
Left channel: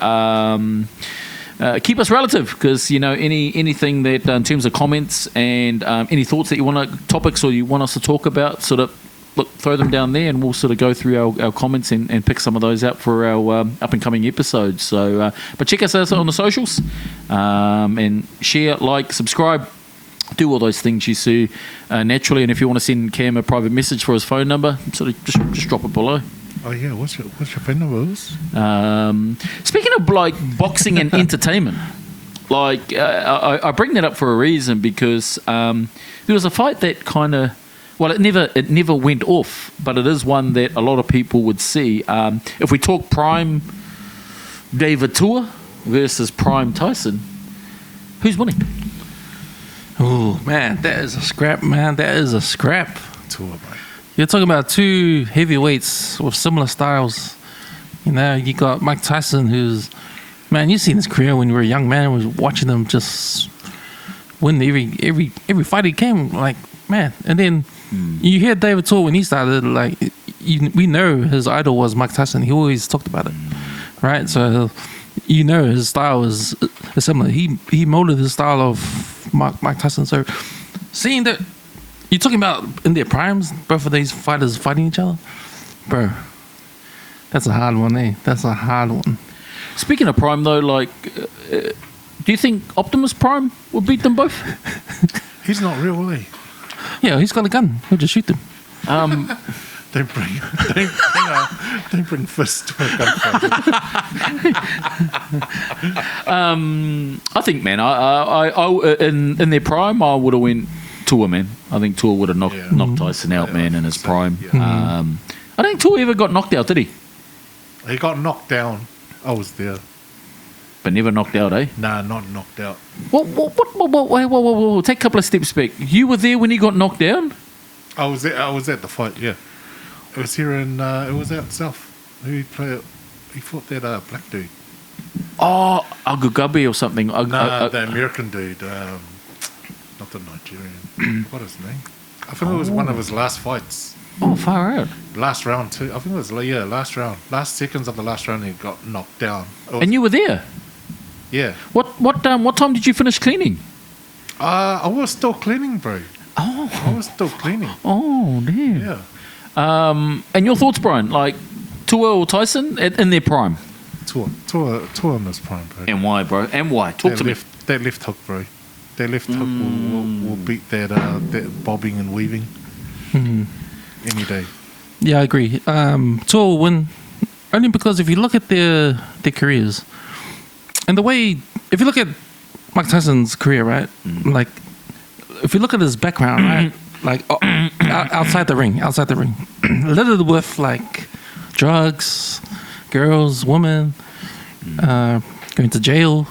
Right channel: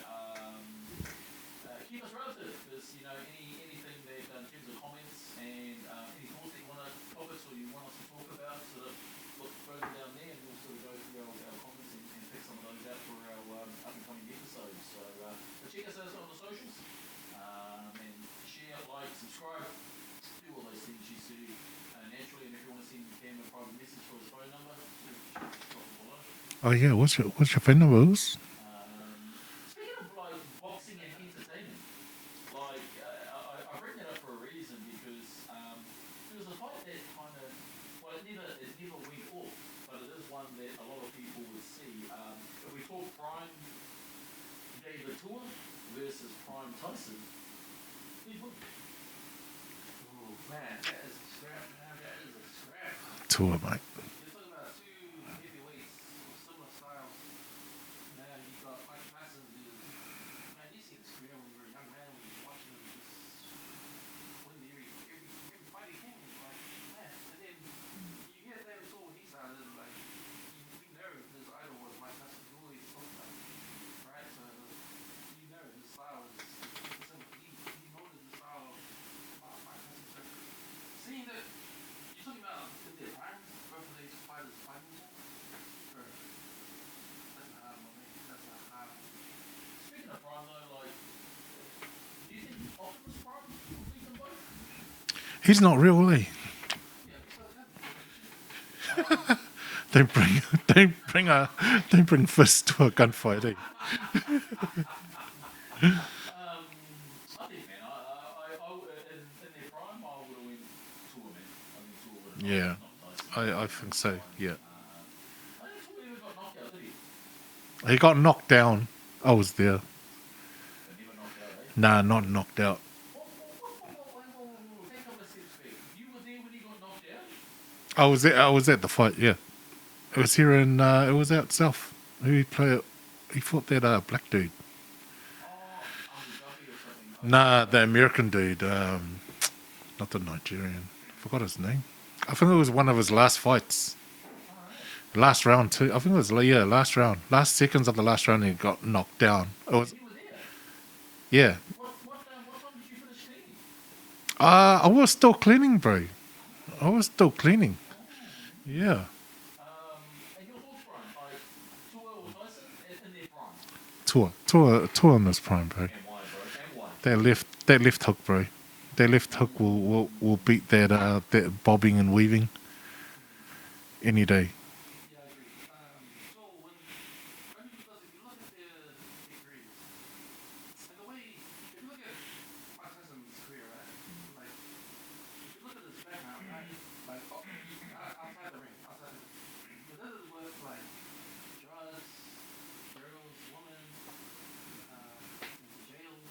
keep us relative, because you know anything that in terms of comments and any thoughts that you want topics or you want us to talk about, sort of throw them down there, and we'll sort of go through our comments and pick some of those out for our up and coming episodes. So, but check us out on the socials, and share, like, subscribe, do all those things you see naturally. And if you want to send Cam a private message for his phone number, sort of just drop it below. Oh yeah, what's your phone number? Speaking of like boxing and entertainment, like I bring that up for a reason, because there was a fight that kind of. Well, it never went off, but it is one that a lot of people would see. If we talk prime David Toa versus prime Tyson, who's winning? Oh, man, that is a scrap, man. That is a scrap. Toa, mate. You're talking about two heavyweights with similar styles. You know, you got Mike Tyson, who's, man, you've seen his career when you were a young man, was watching him just win every fight he came, like, man. And then you hear David Toa when he started, like, we know his idol was Mike Tyson. He always talked about it, right? So you know his style is similar. He molded his style of Mike Tyson. So seeing that, you're talking about in their primes, both of these fighters fighting each other, bro. That's a hard one, eh? That's a hard one. Speaking of prime, though, like, do you think Optimus Prime will beat them both? He's not real, eh? Yeah, he's got a gun. He'll just shoot them. Don't bring fists to a gunfight. I think, man, I in their prime, I would have went Toa, man. I think Toa would have knocked Tyson out, man, in his prime. Yeah. I don't think Toa ever got knocked out, did he? He got knocked down. I was there. But never knocked out, eh? Nah, not knocked out. Whoa. Take a couple of steps back. You were there when he got knocked down? I was at the fight, yeah. It was here in, it was out south. He fought that black dude. Oh, Agugabi or something. The American dude. Not the Nigerian. I forgot his name. I think it was one of his last fights. Oh, far out. Last round, too. I think it was, last round. Last seconds of the last round, he got knocked down. And you were there? Yeah. What time did you finish cleaning? I was still cleaning, bro. Oh. I was still cleaning. Oh, damn. Yeah. And your thoughts, Brian? Like, Toa or Tyson in their prime? Toa in his prime, bro. And why, bro? And why? Talk to me. That left hook, bro. That left hook will beat that bobbing and weaving any day. Yeah, I agree. Toa will win only because if you look at their careers and the way, if you look at Mike Tyson's career, right? Like, if you look at his background, right? Like outside the ring, littered with like drugs, girls, women, going to jail.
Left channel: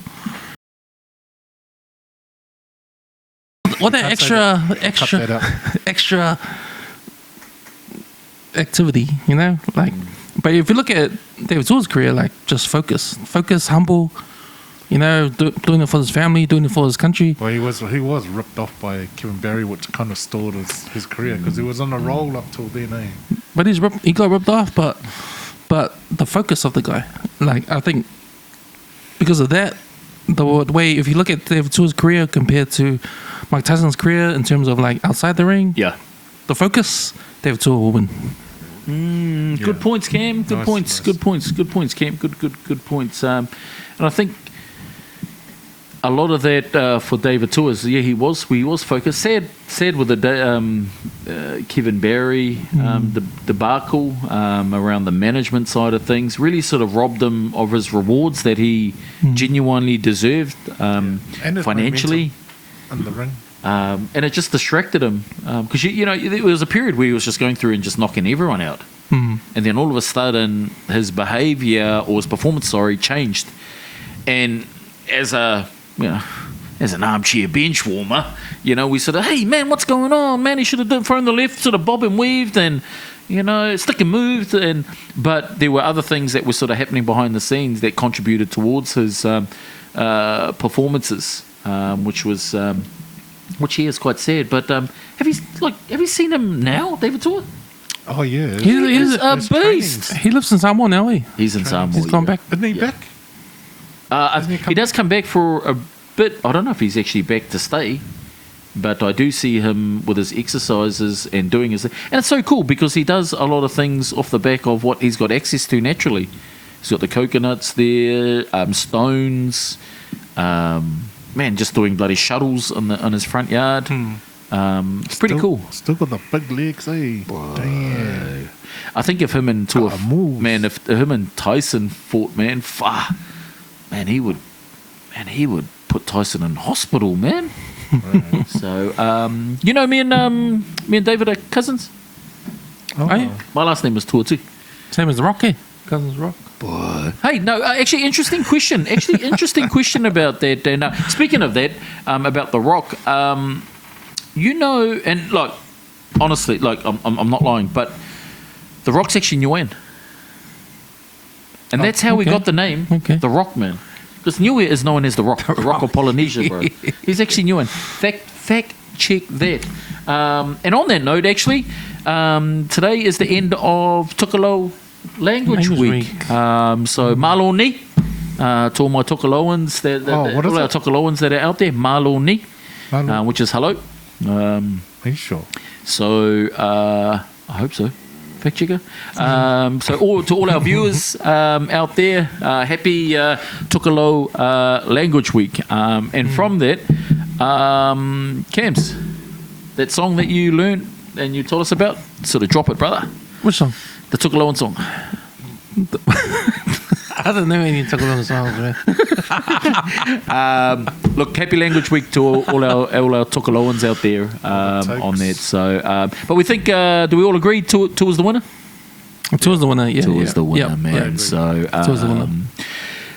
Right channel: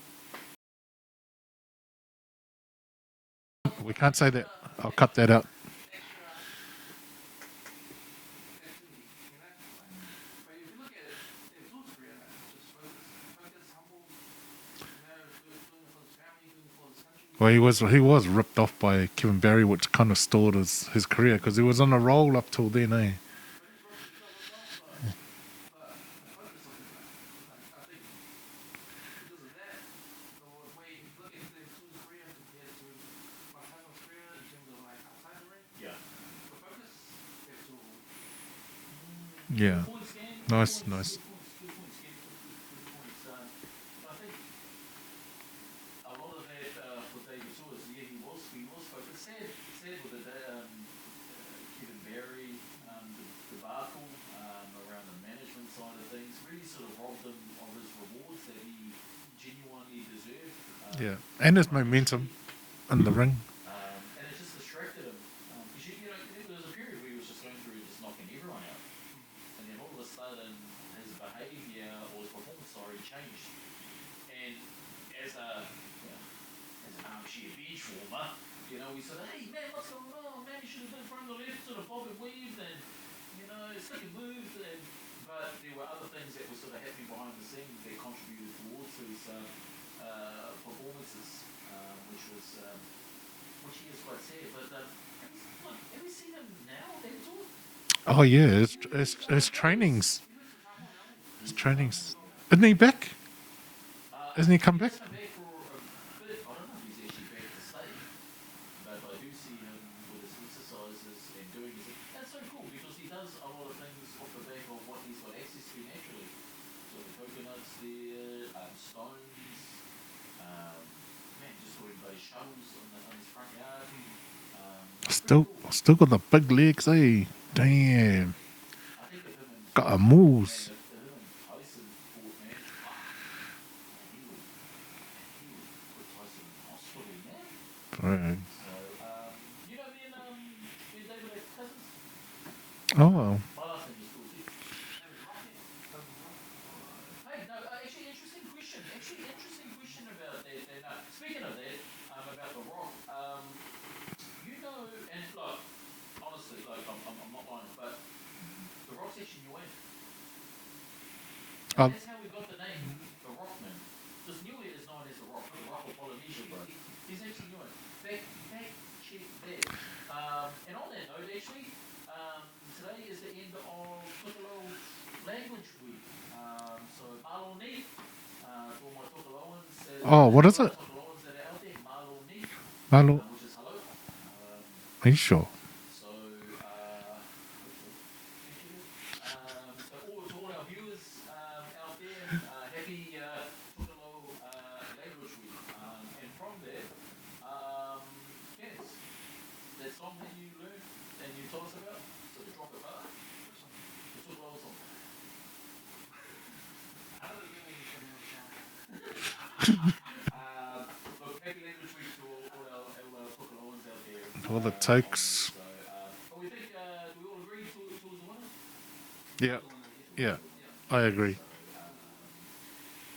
What that extra activity, you know? Like, but if you look at David Toa's career, like, just focus, humble, you know, doing it for his family, doing it for his country. Well, he was ripped off by Kevin Barry, which kind of stalled his career because he was on a roll up till then, eh? But he got ripped off, but the focus of the guy, like, I think because of that, the way, if you look at David Toa's career compared to Mike Tyson's career in terms of like outside the ring, Yeah. the focus, David Toa will win. Yeah. Good points, Cam. Good Nice, points. nice. Good points. Good points, Cam. Good points. And I think a lot of that for David Toa is he was focused. Sad with the Kevin Barry debacle around the management side of things. Really sort of robbed him of his rewards that he genuinely deserved And his financially. momentum in the ring. And it just distracted him because you know there was a period where he was just going through and just knocking everyone out, and then all of a sudden his behaviour or his performance, changed. And as an armchair bench warmer, we sort of, hey man, what's going on, man? He should have thrown the left, sort of bob and weaved, and stick and moved, but there were other things that were sort of happening behind the scenes that contributed towards his performances, which he is quite sad. But have you seen him now, David Toa? Oh, yeah. He's a his beast. trainings. He lives in Samoa now, eh? He's in Samoa. He's gone back. Isn't he back? Hasn't he come He does come back for a bit. I don't know if he's actually back to stay, but I do see him with his exercises and doing his... And it's so cool because he does a lot of things off the back of what he's got access to naturally. He's got the coconuts there, stones, man, just doing bloody shuttles on his front yard. It's pretty cool. Still got the big legs, eh? Damn. I think if him and Gotta move. man, if him and Tyson fought, man, he would put Tyson in hospital, man. Right. So, me and David are cousins. Oh. Hey. My last name is Toa too. Same as the Rock, eh? Cousins Rock. Hey, no, actually, interesting question. Question about that. And speaking of that, about The Rock, and like, honestly, like, I'm not lying, but The Rock's actually Niuean. And that's how we okay. got the name, Okay. The Rock, man. Because Niue is known as The Rock, the Rock of Polynesia, bro. He's actually Niuean. Fact check that. And on that note, actually, today is the end of Tukalo Language Week. So malo ni, to all my Tukaloans what is all our it? Tukaloans that are out there, malo ni, Malo. which is hello. Are you sure? So I hope so. Fact checker. So to all our viewers out there, happy Tukalo Language Week. And from that, Cams, that song that you learned and you told us about, sort of drop it, brother. Which song? The Tukaloan song. I don't know any Tukaloan songs, man. Look, happy Language Week to all our Tukaloans out there on that. So, but we think, do we all agree Tua's the winner? Tua's the winner, yeah. Tua's the winner, Yeah, man. I agree. So, Tua's the winner.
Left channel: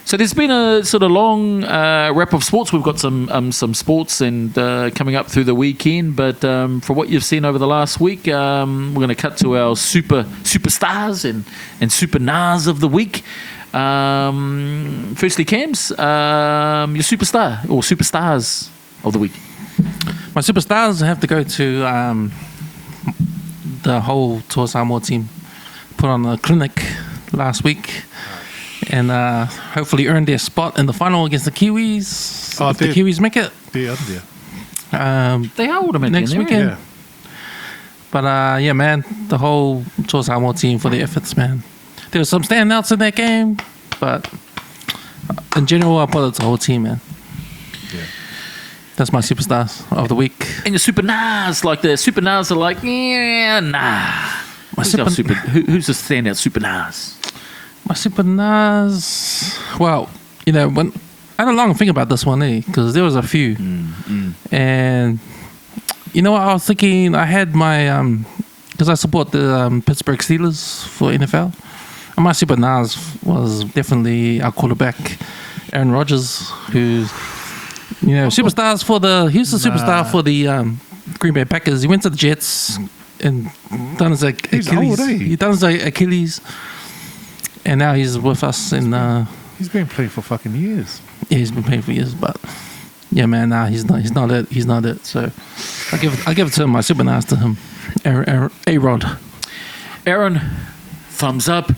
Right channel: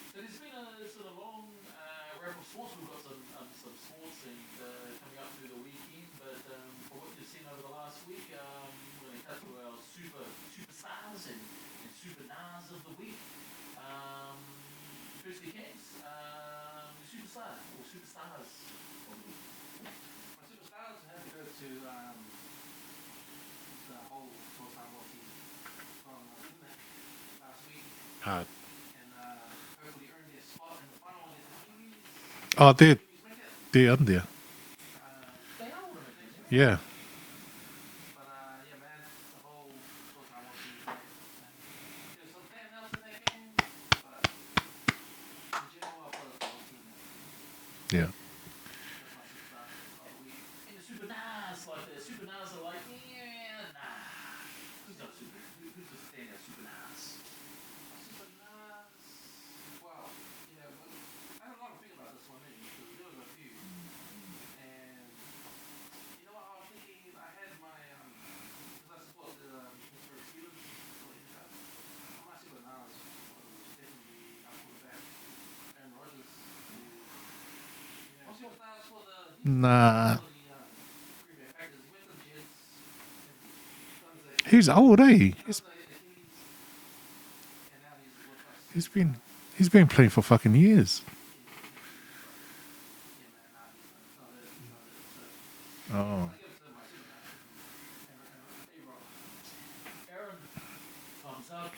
so there's been a sort of long wrap of sports. We've got some sports and coming up through the weekend. But for what you've seen over the last week, we're going to cut to our superstars and Super-Nars of the week. Firstly, Cams, your superstar or superstars of the week. My superstars have to go to the whole Toa Samoa team. Put on a clinic last week. And hopefully earn their spot in the final against the Kiwis. Oh, If the they're- Kiwis make it. They're under there. They are automatically Next in there, weekend. Yeah. But yeah, man, the whole Toa Samoa team for the efforts, man. There were some standouts in that game, but in general, I put it to the whole team, man. Yeah. That's my superstars of the week. And your Super-Nars, like the Super-Nars are like, yeah, nah. My Who's the standout Super-Nars? My Super-Nars. Well, when I had a long think about this one, because there was a few, and you know what I was thinking. I had my because I support the Pittsburgh Steelers for NFL, and my Super-Nars was definitely our quarterback, Aaron Rodgers, who's superstars for the. He's the superstar for the Green Bay Packers. He went to the Jets and done his Achilles. He's old, eh? He done his Achilles. And now he's with us in. He's been playing for fucking years. Yeah, he's been playing for years, but yeah, man, nah, he's not it. He's not it. So I give it to him. My Super-Nars to him. A-Rod. Aaron, thumbs up,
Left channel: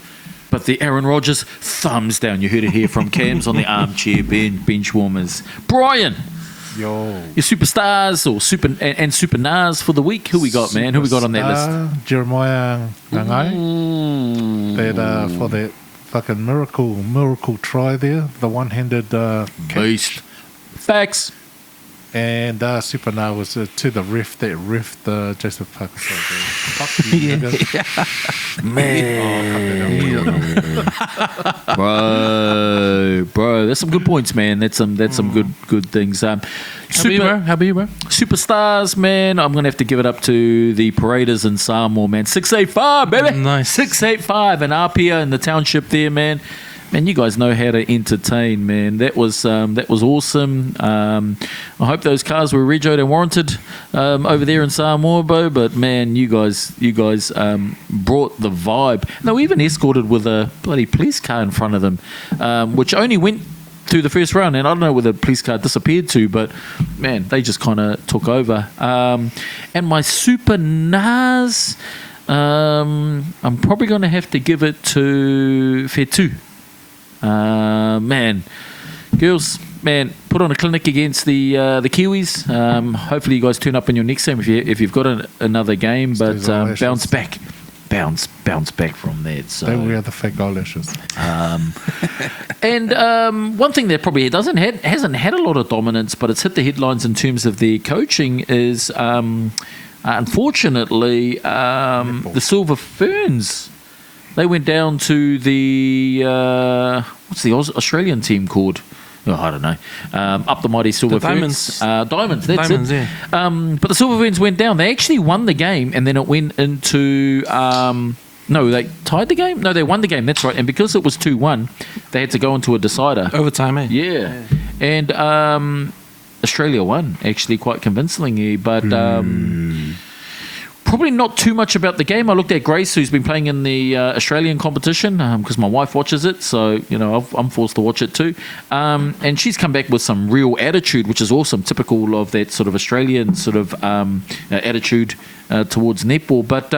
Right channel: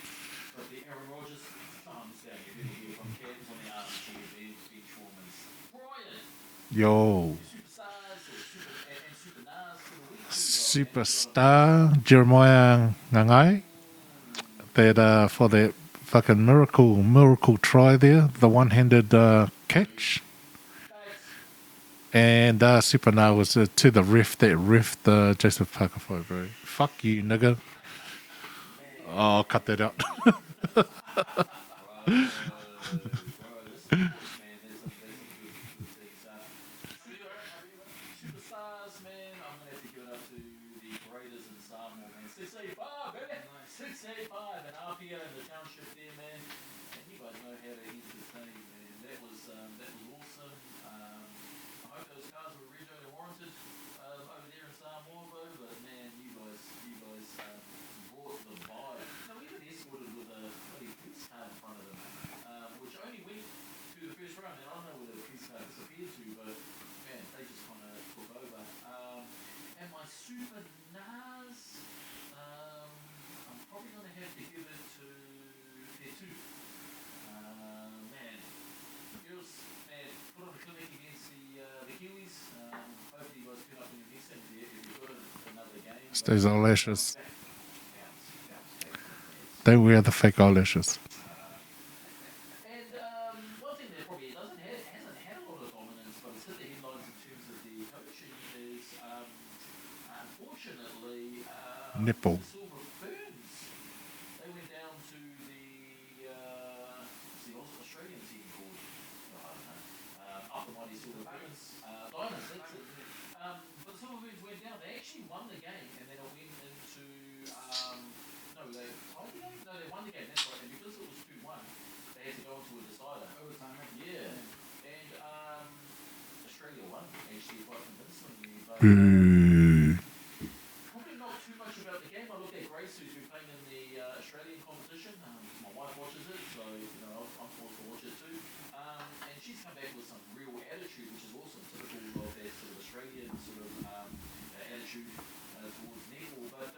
but the Aaron Rodgers, thumbs down. You heard it here from Cams on the armchair bench warmers. Brian, Yo. Your superstars or Super-Nars for the week. Who we got, man? Who we got on that list? Jeremiah Ngangai. That for that fucking miracle try there, the one-handed catch. Facts. And Super-Nars was to the ref that ref the Joseph Parker. Fuck you, nigga. Man. Oh, cut that out. Bro, that's some good points, man. That's some good things. How about you, bro? Superstars, man. I'm gonna have to give it up to the Paraders in Samoa, man. 685, baby. Nice. 685 and Apia in the township there, man. Man, you guys know how to entertain, man. That was awesome. I hope those cars were regoed and warranted over there in Samoa, but man, you guys brought the vibe. And they were even escorted with a bloody police car in front of them, which only went through the first round, and I don't know where the police car disappeared to, but man, they just kind of took over. And my Super-Nars, I'm probably going to have to give it to Fetu. Man, girls, man, put on a clinic against the Kiwis. Hopefully, you guys turn up in your next game if you've got another game, but bounce back from that. So. Don't wear the fake eyelashes. And one thing that probably hasn't had a lot of dominance, but it's hit the headlines in terms of their coaching is, unfortunately, the Silver Ferns. They went down to the what's the Australian team called? Oh, I don't know. Up the mighty Silver Ferns. Diamonds. That's Diamonds, it. yeah. But the Silver Ferns went down. They actually won the game, and then it went into. No, they tied the game. No, they won the game. That's right. And because it was 2-1, they had to go into a decider. Overtime, eh? Yeah. And Australia won actually quite convincingly, but. Probably not too much about the game. I looked at Grace, who's been playing in the Australian competition, because my wife watches it, so I'm forced to watch it too. And she's come back with some real attitude, which is awesome, typical of that sort of Australian sort of attitude towards netball. But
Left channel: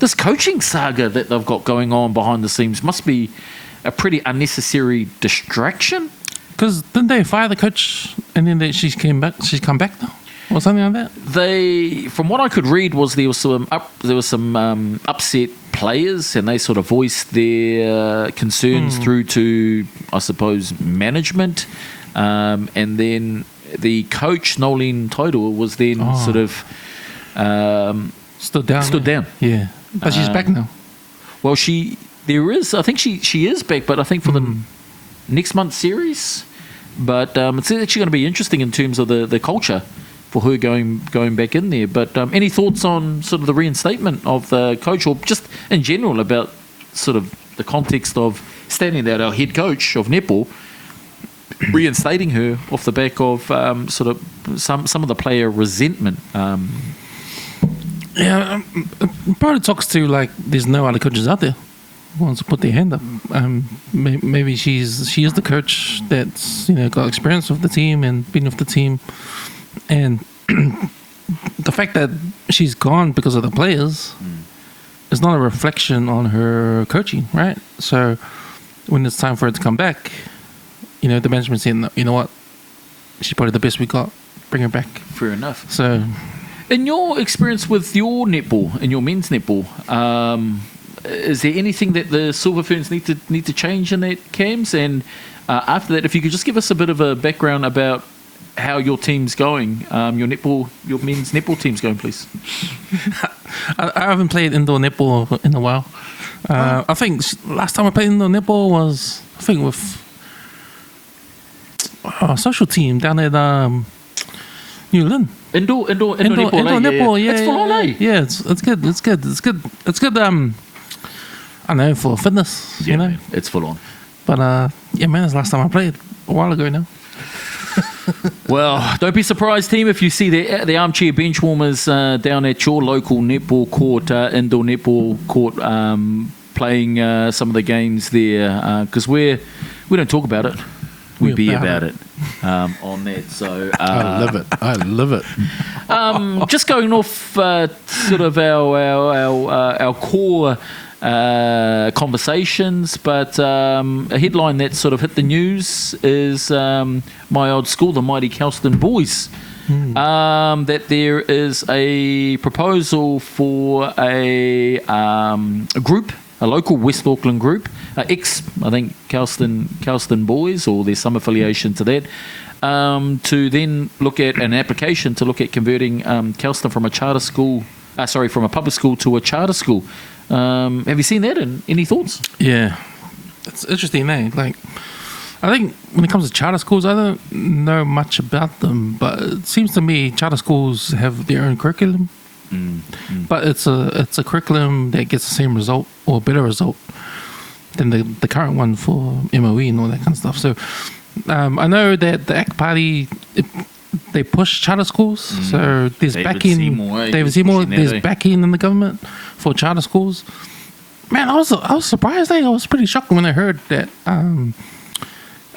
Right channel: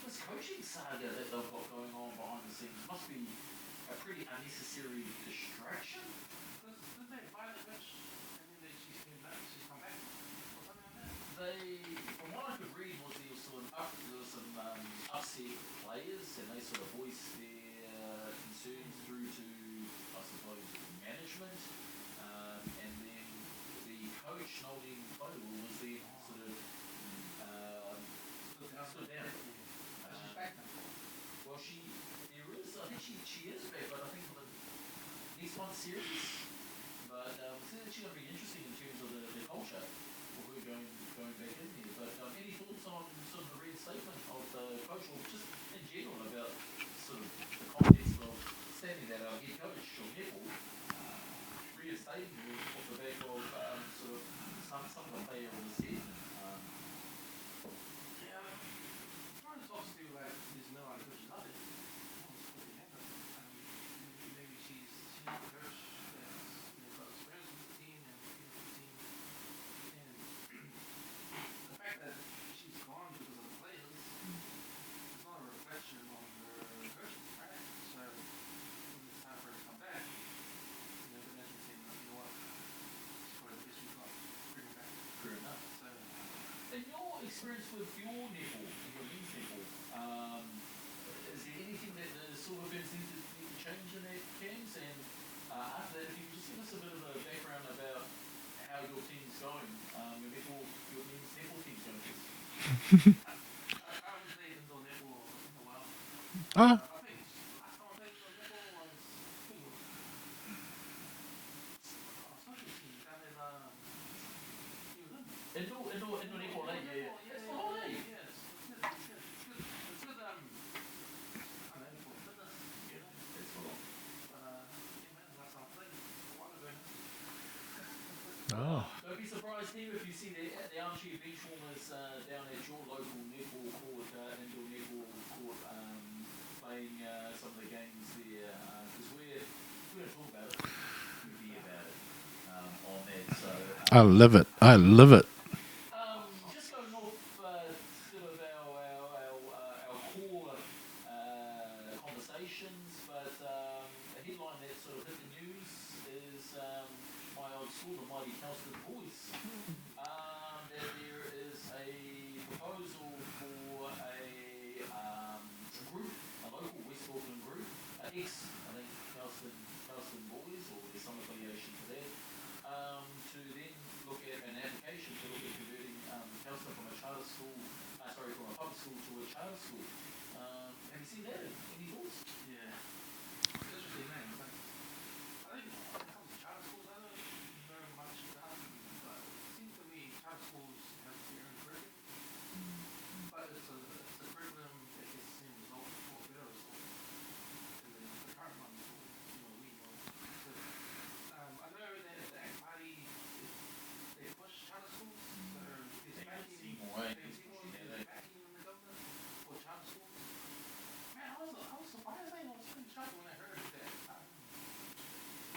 this coaching saga that they've got going on behind the scenes must be a pretty unnecessary distraction. Because didn't they fire the coach and then she's come back now? Or something like that. From what I could read, there was some upset players, and they sort of voiced their concerns through to, I suppose, management, and then the coach Nolene Toidor was then sort of stood down. Yeah, but she's back now. Well, I think she is back, but I think for the next month's series. But it's actually going to be interesting in terms of the culture for her going back in there. But any thoughts on sort of the reinstatement of the coach, or just in general about sort of the context of standing there, our head coach of netball, reinstating her off the back of sort of some of the player resentment? Yeah, it probably talks to like there's no other coaches out there who wants to put their hand up. Maybe she is the coach that's got experience with the team and been with the team. And the fact that she's gone because of the players is not a reflection on her coaching, right? So when it's time for her to come back, the management saying, you know what, she's probably the best we got, bring her back. Fair enough. So, in your experience with your netball, in your men's netball, is there anything that the Silver Ferns need to change in that, Cams? And after that, if you could just give us a bit of a background about how your team's going, your men's netball team's going, please. I haven't played indoor netball in a while. I think last time I played indoor netball was with a social team down at New Lynn. Indoor netball, yeah. It's full on, eh? Yeah, it's good. It's good. I know, for fitness. Yeah, man, it's full on. But yeah, man, it's the last time I played a while ago now. Well, don't be surprised, team, if you see the armchair benchwarmers down at your local netball court, indoor netball court, playing some of the games there, because we don't talk about it, we be about it on that. So I love it. Just going off sort of our core conversations, but a headline that sort of hit the news is my old school, the Mighty Kelston Boys. That there is a proposal for a group, a local West Auckland group, I think Kelston Boys, or there's some affiliation to that, to then look at an application to look at converting Kelston from a from a public school to a charter school. Have you seen that? And any thoughts? Yeah, it's interesting, eh? Like, I think when it comes to charter schools, I don't know much about them, but it seems to me charter schools have their own curriculum. But it's a curriculum that gets the same result or better result than the current one for MOE and all that kind of stuff. So I know that the ACT Party, they push charter schools. So there's David Seymour, there's backing in the government for charter schools. Man, I was surprised. I was pretty shocked when I heard that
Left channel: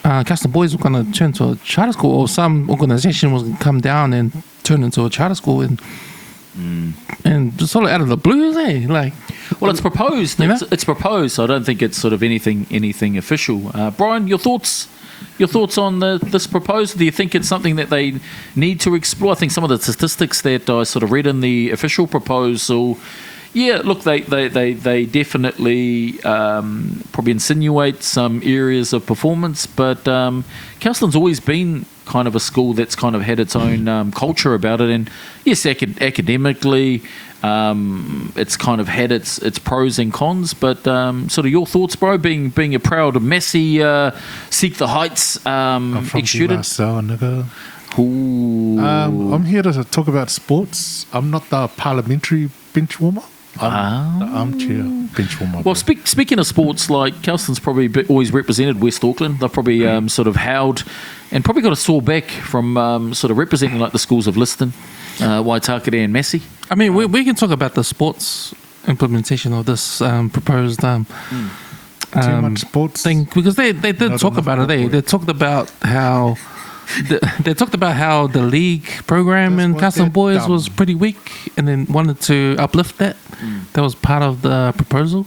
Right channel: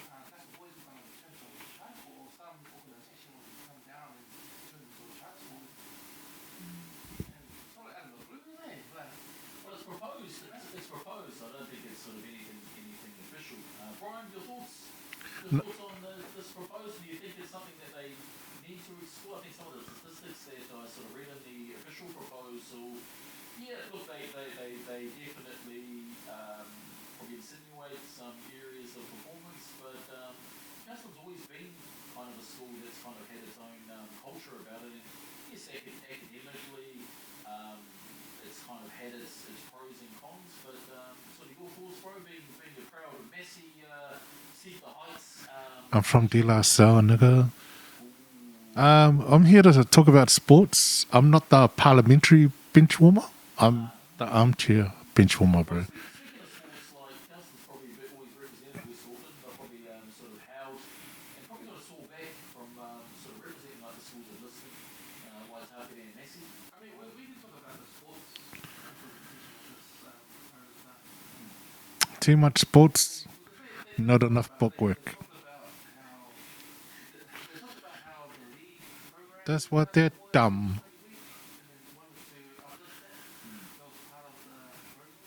Kelston Boys were going to turn to a charter school, or some organisation was going to come down and turn into a charter school, and just sort of out of the blue, eh? Like, well, it's proposed. It's proposed. So I don't think it's sort of anything official. Brian, your thoughts? Your thoughts on this proposal? Do you think it's something that they need to explore? I think some of the statistics that I sort of read in the official proposal, yeah, look, they definitely probably insinuate some areas of performance, but Kelston's always been kind of a school that's kind of had its own culture about it, and yes, academically, it's kind of had its pros and cons, but sort of your thoughts, bro, being a proud Massey Seek the Heights I'm from student. nigga. I'm here to talk about sports. I'm not the parliamentary bench warmer. I'm the armchair bench warmer. Well, speaking of sports, like Kelston's probably always represented West Auckland. They've probably sort of held and probably got a sore back from sort of representing like the schools of Liston, Waitakere and Massey. I mean, we can talk about the sports implementation of this proposed too much sports thing, because they did talk about it. They talked about how the league program in Kelston Boys was pretty weak, and then wanted to uplift that. That was part of the proposal.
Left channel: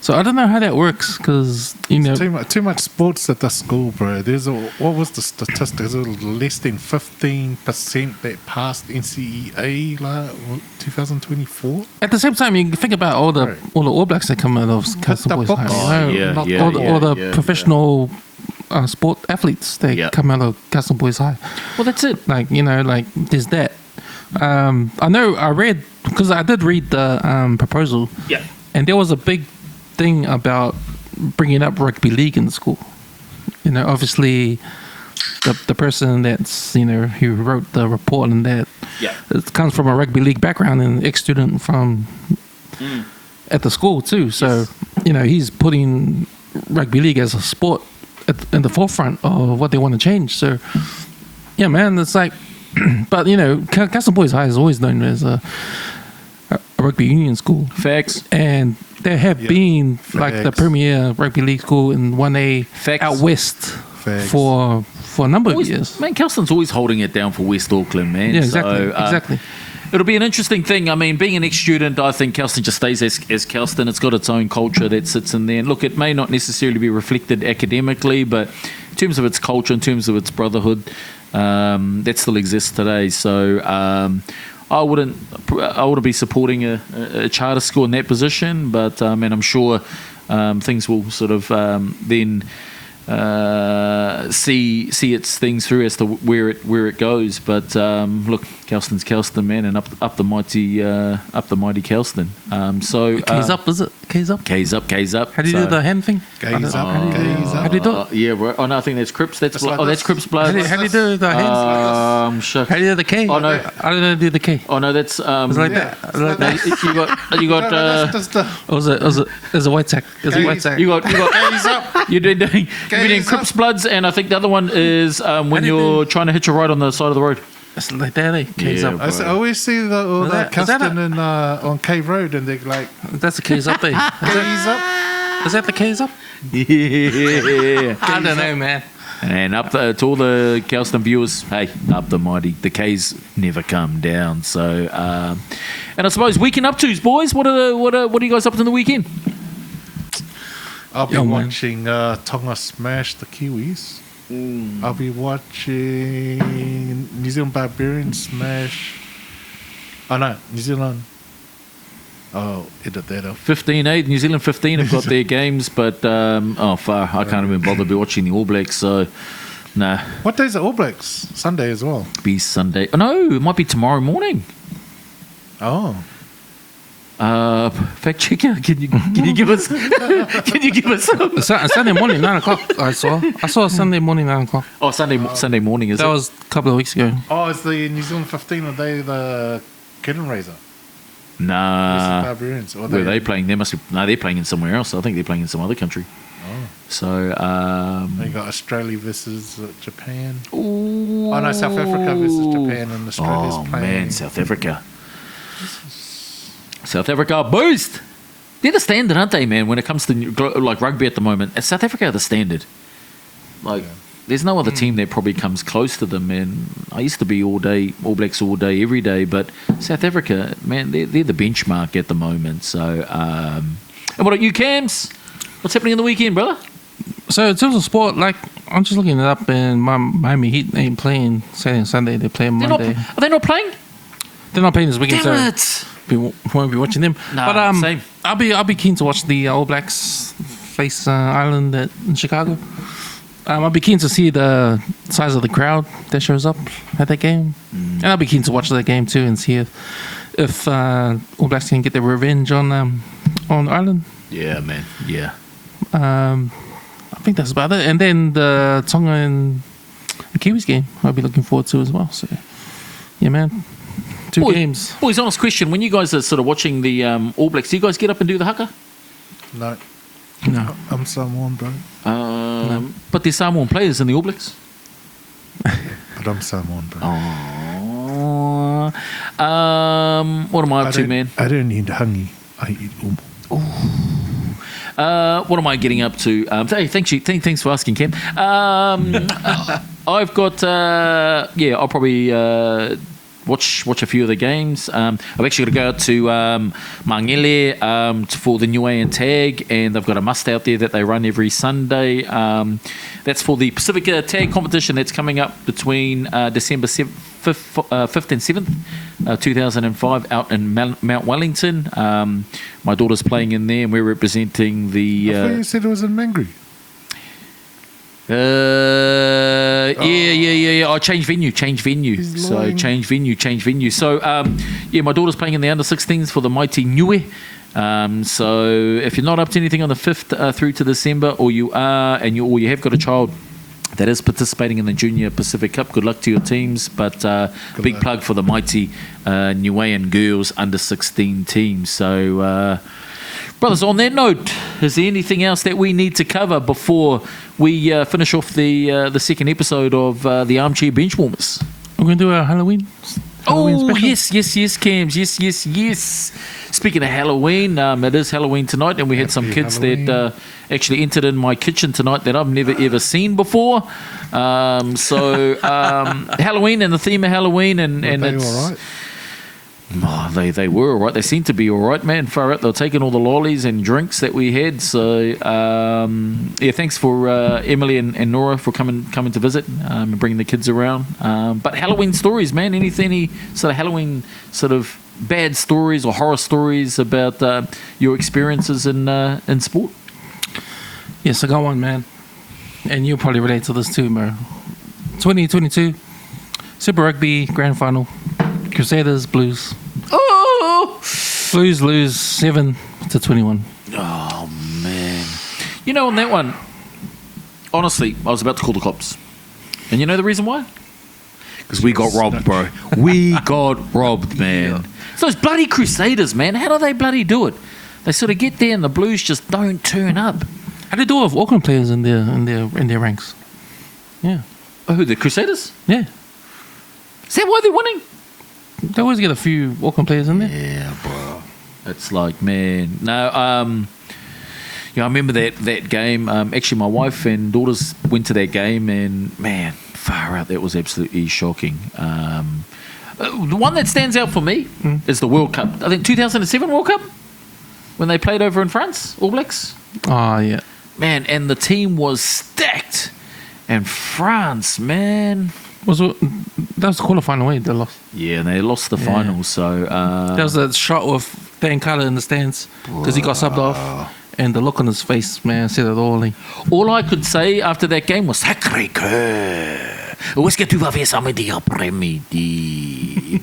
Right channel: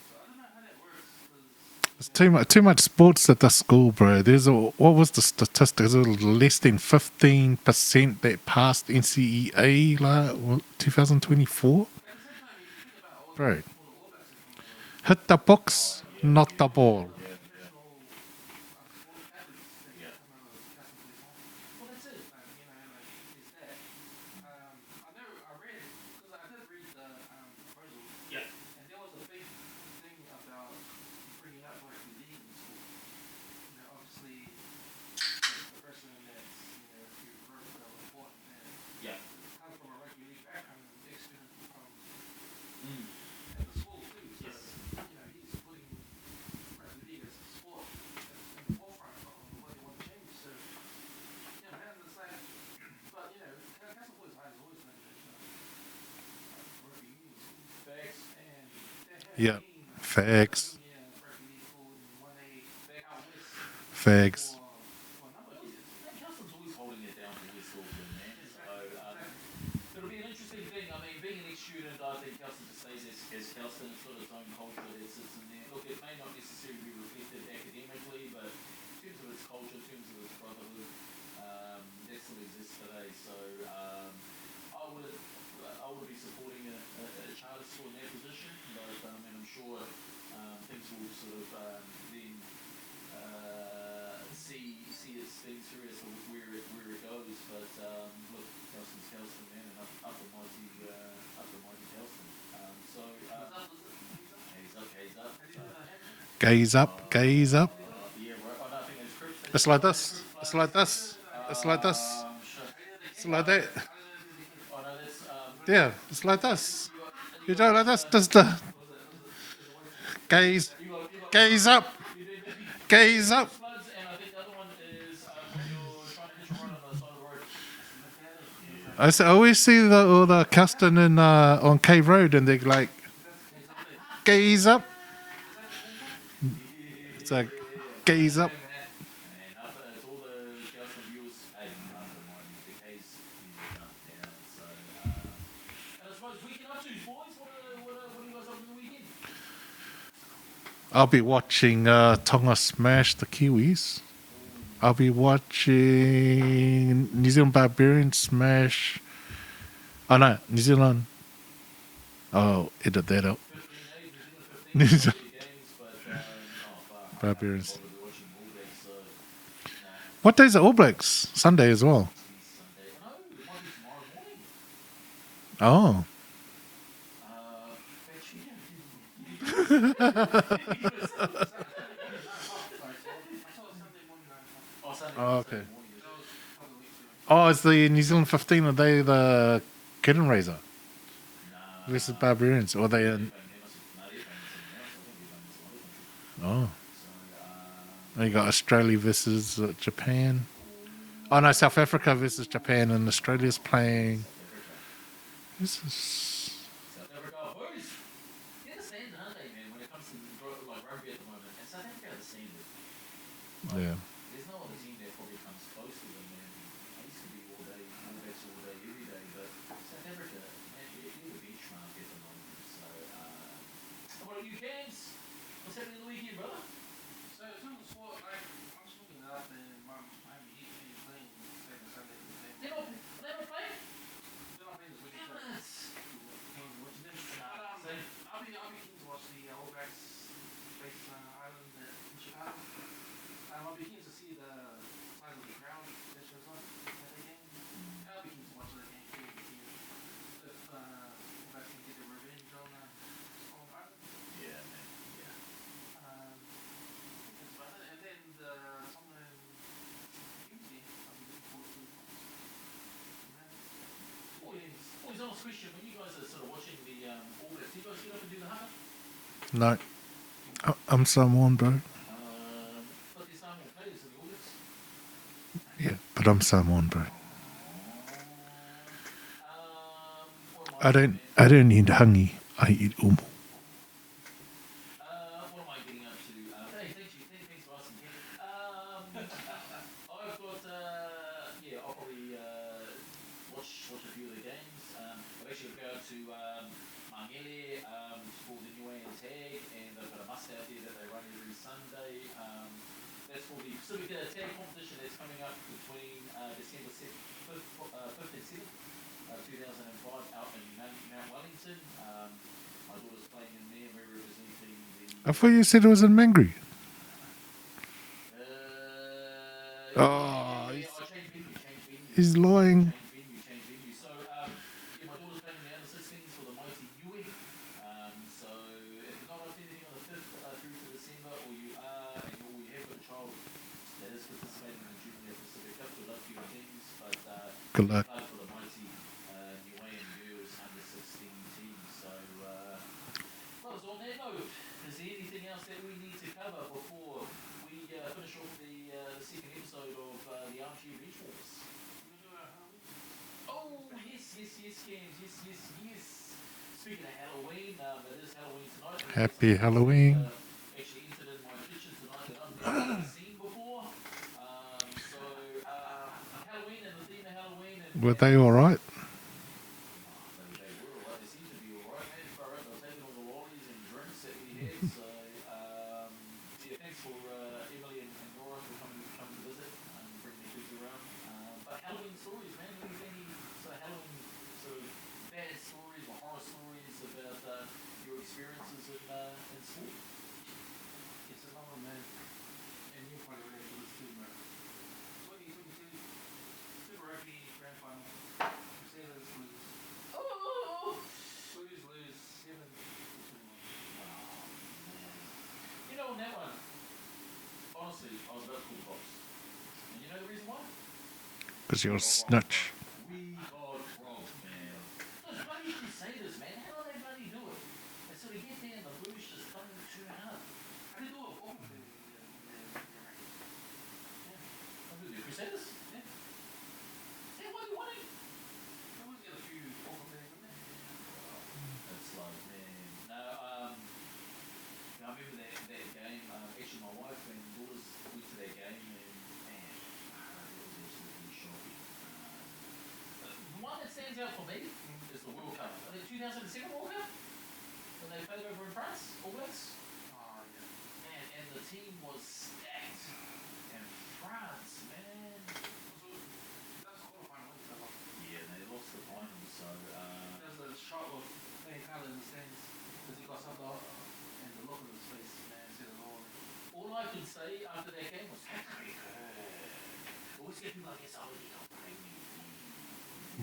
So I don't know how that works, because too much sports at the school, bro. What was the statistics? Less than 15% that passed NCEA 2024. At the same time, you think about all the All Blacks that come out of Kelston Boys High, all the professional sport athletes that come out of Kelston Boys High. Well, that's it. Like, there's that. I read, because I did read the proposal. Yeah. And there was a big thing about bringing up rugby league in the school. Obviously, the person that's who wrote the report and that it comes from a rugby league background and ex-student from at the school too. So he's putting rugby league as a sport in the forefront of what they want to change. So yeah, man, it's like, but Kelston Boys High is always known as a rugby union school. Facts. And there have been like the premier rugby league school in 1A out west for a number of years. Man, Kelston's always holding it down for West Auckland, man. Yeah, exactly. Exactly. It'll be an interesting thing. I mean, being an ex-student, I think Kelston just stays as Kelston. It's got its own culture that sits in there. And look, it may not necessarily be reflected academically, but in terms of its culture, in terms of its brotherhood, that still exists today. So I wouldn't be supporting a charter school in that position, but and I'm sure things will sort of then see its things through as to where it goes. But look, Kelston's Kelston, man, and up the mighty Kelston. So K's up, is it? K's up. K's up. K's up. How do you do the hand thing? Gaze up. Gaze up. How do you do it? Yeah, right. Oh no, I think that's Crips. That's Crips blood. How do you do the hands? Shucks. How do you do the K? Oh, no. I don't know how to do the K. Oh no, that's It's like that. It's like that. you got. That's just the There's a white sack. You got. gaze up. You're doing Crips bloods, and I think the other one is when you're trying to hitch a ride on the side of the road. It's like that, eh? K's up. I always see the Kelston on Cave Road, and they're like, that's the K's up, eh? gaze up. Is that the K's up? Yeah. I don't know, man. And up to all the Kelston viewers, hey, up the mighty. The K's never come down. So, and I suppose weekend up-tos, boys. What are you guys up to in the weekend? I'll be Yeah, man. watching Tonga smash the Kiwis. I'll be watching New Zealand Barbarians smash. Oh no, New Zealand. Oh, edit that out. 15-8, New Zealand 15 have got their games, but far, I can't even bother to be watching the All Blacks, so nah. What day's the All Blacks? Sunday as well. Be Sunday. Oh, no, it might be tomorrow morning. Oh. Fact checker, can you give us some? Sunday morning, 9 o'clock. I saw Sunday morning, 9 o'clock. Oh, Sunday morning, is That it? was a couple of weeks ago. Oh, it's the New Zealand 15. Are they the curtain raiser? Nah. Barbarians. Or Where are they playing? They're playing in somewhere else. I think they're playing in some other country. Oh. So, You got Australia versus Japan. Ooh. Oh no, South Africa versus Japan, and Australia's playing. Man, South Africa. South Africa boost. They're the standard, aren't they, man? When it comes to like rugby at the moment, South Africa are the standard. Like, there's no other team that probably comes close to them. Man, I used to be All Blacks all day, every day, but South Africa, man, they're the benchmark at the moment. So, and what about you, Cams? What's happening in the weekend, brother? So in terms of sport, like I'm just looking it up, and Miami Heat ain't playing Saturday and Sunday. They're playing Monday. Are they not playing? They're not playing this weekend, Damn so it! we won't be watching them. Nah, but same. I'll be keen to watch the All Blacks face Ireland in Chicago. I'll be keen to see the size of the crowd that shows up at that game, and I'll be keen to watch that game too and see if All Blacks can get their revenge on Ireland. Yeah, man. Yeah. I think that's about it. And then the Tonga and Kiwis game I'll be looking forward to as well. So, yeah, man. Two games. Boys, honest question. When you guys are sort of watching the All Blacks, do you guys get up and do the haka? No. No. I'm Samoan, bro. But there's Samoan players in the All Blacks. But I'm Samoan, bro. What am I up to, man? I don't eat hangi. I eat umu. What am I getting up to? Hey, thanks for asking, Cam. I've got, I'll probably watch a few of the games. I've actually got to go out to Mangele for the Niue and Tag, and they've got a must out there that they run every Sunday. That's for the Pacifica Tag competition that's coming up between December 5th and 7th, 2005, out in Mount Wellington. My daughter's playing in there, and we're representing the... I thought you said it was in Mangere. Yeah. I changed venue. He's So lying. change venue. So my daughter's playing in the under-16s for the Mighty Niue. So if you're not up to anything on the 5th through to December, or you are, or you have got a child that is participating in the Junior Pacific Cup, good luck to your teams. But big luck. plug for the Mighty Niuean girls under-16 team. So, brothers, on that note, is there anything else that we need to cover before we finish off the second episode of the Armchair Benchwarmers? We're going to do a Halloween special. Yes, Cams. Yes. Speaking of Halloween, it is Halloween tonight, and we had some Happy kids Halloween. that actually entered in my kitchen tonight that I've never ever seen before. Halloween and the theme of Halloween, and Were they all right? Oh, they were all right. They seemed to be all right, man. Far out. They were taking all the lollies and drinks that we had. So, thanks for Emily and Nora for coming to visit and bringing the kids around. But Halloween stories, man. Any sort of Halloween sort of bad stories or horror stories about your experiences in sport? Yes, I got one, man. And you'll probably relate to this too, bro. 2022 Super Rugby Grand Final. Crusaders, Blues. Oh! Blues lose 7-21. Oh, man. You know, on that one, honestly, I was about to call the cops. And you know the reason why? Because we got robbed, bro. We got robbed, man. Yeah. It's those bloody Crusaders, man. How do they bloody do it? They sort of get there and the Blues just don't turn up. How do they do it with Auckland players in their ranks? Yeah. Oh, who, the Crusaders? Yeah. Is that why they're winning? They always get a few Auckland players in there. Yeah, bro. It's like, man. No, I remember that game. Actually, my wife and daughters went to that game, and man, far out, that was absolutely shocking. The one that stands out for me is the World Cup. I think 2007 World Cup when they played over in France, All Blacks. Oh, yeah. man, and the team was stacked. And France, man. That was the quarterfinal way they lost. Yeah, and they lost the final, so... That was a shot of Dan Carter in the stands because he got subbed off. And the look on his face, man, said it all. All I could say after that game was Sacré-Cœur. Où est-ce que tu vas faire samedi après-midi?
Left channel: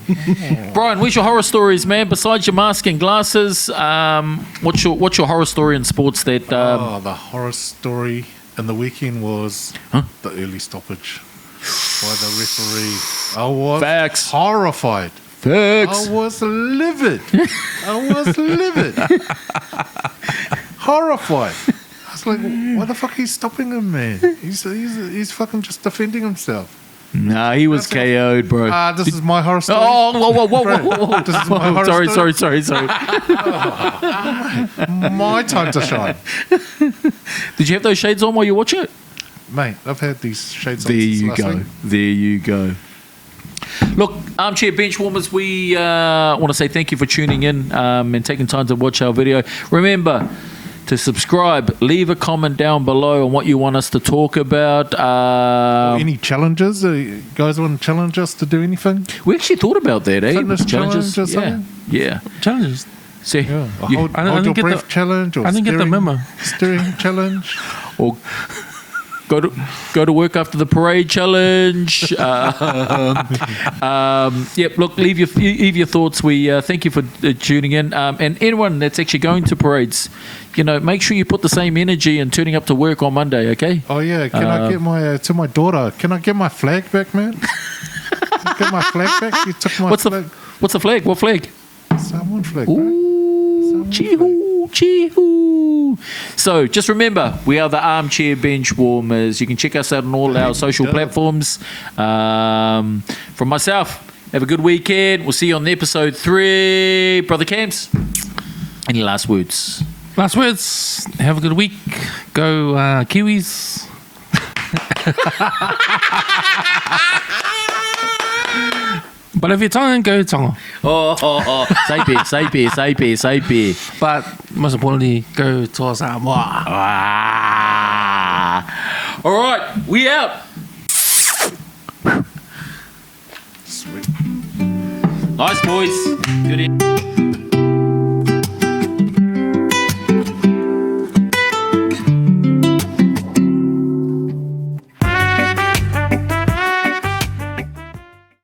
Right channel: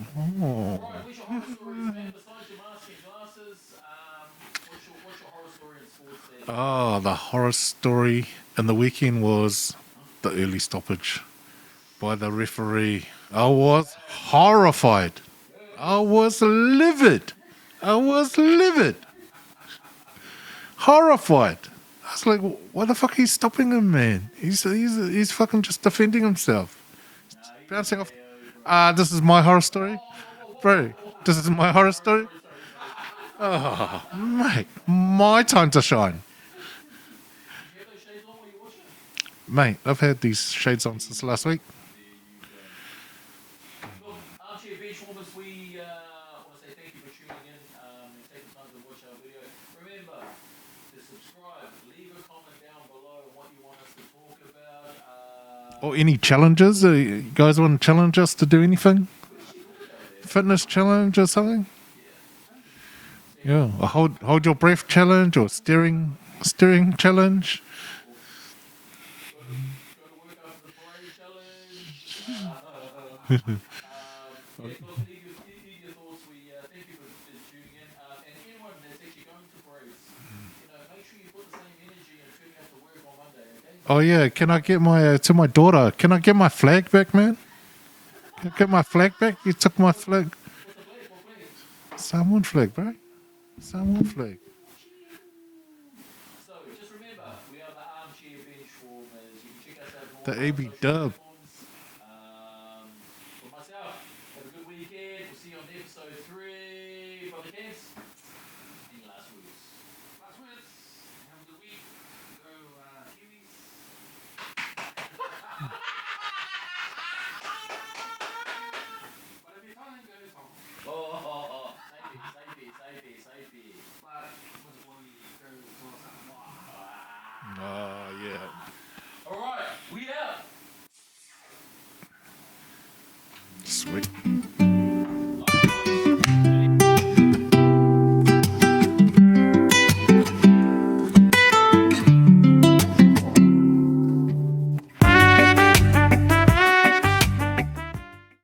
Brian, where's your horror stories, man? Besides your mask and glasses, what's your horror story in sports that... the horror story in the weekend was the early stoppage by the referee. I was Facts. horrified. Facts. I was livid. Horrified. I was like, why the fuck are you stopping him, man? He's fucking just defending himself. Nah, he was That's KO'd, bro. This is my horror story. Oh, whoa. This is my horror story. Sorry. My time to shine. Did you have those shades on while you watch it? Mate, I've had these shades on since last week. There you go. Look, Armchair Benchwarmers, we want to say thank you for tuning in and taking time to watch our video. Remember to subscribe, leave a comment down below on what you want us to talk about. Or any challenges? You guys want to challenge us to do anything? We actually thought about that, eh? Fitness challenge or something? Yeah. Challenges. See, Yeah. you- Hold your breath challenge or I didn't get the memo. steering challenge. or go to work after the parade challenge. Yep. Look, leave your thoughts. We thank you for tuning in, and anyone that's actually going to parades, make sure you put the same energy and turning up to work on Monday. Okay. Oh yeah, can I get my to my daughter? Can I get my flag back, man? Can I get my flag back? You took my flag. What's the flag? What flag? Samoan flag, bro. Samoan flag. Chee-hoo. So just remember, we are the Armchair Benchwarmers. You can check us out on all our social platforms. From myself, have a good weekend. We'll see you on episode 3. Brother Camps, any last words? Last words. Have a good week. Go Kiwis. But if you're Tongan, go Tonga. Saipe. But most importantly, go Toa Samoa. All right, we out. Sweet. Nice, boys.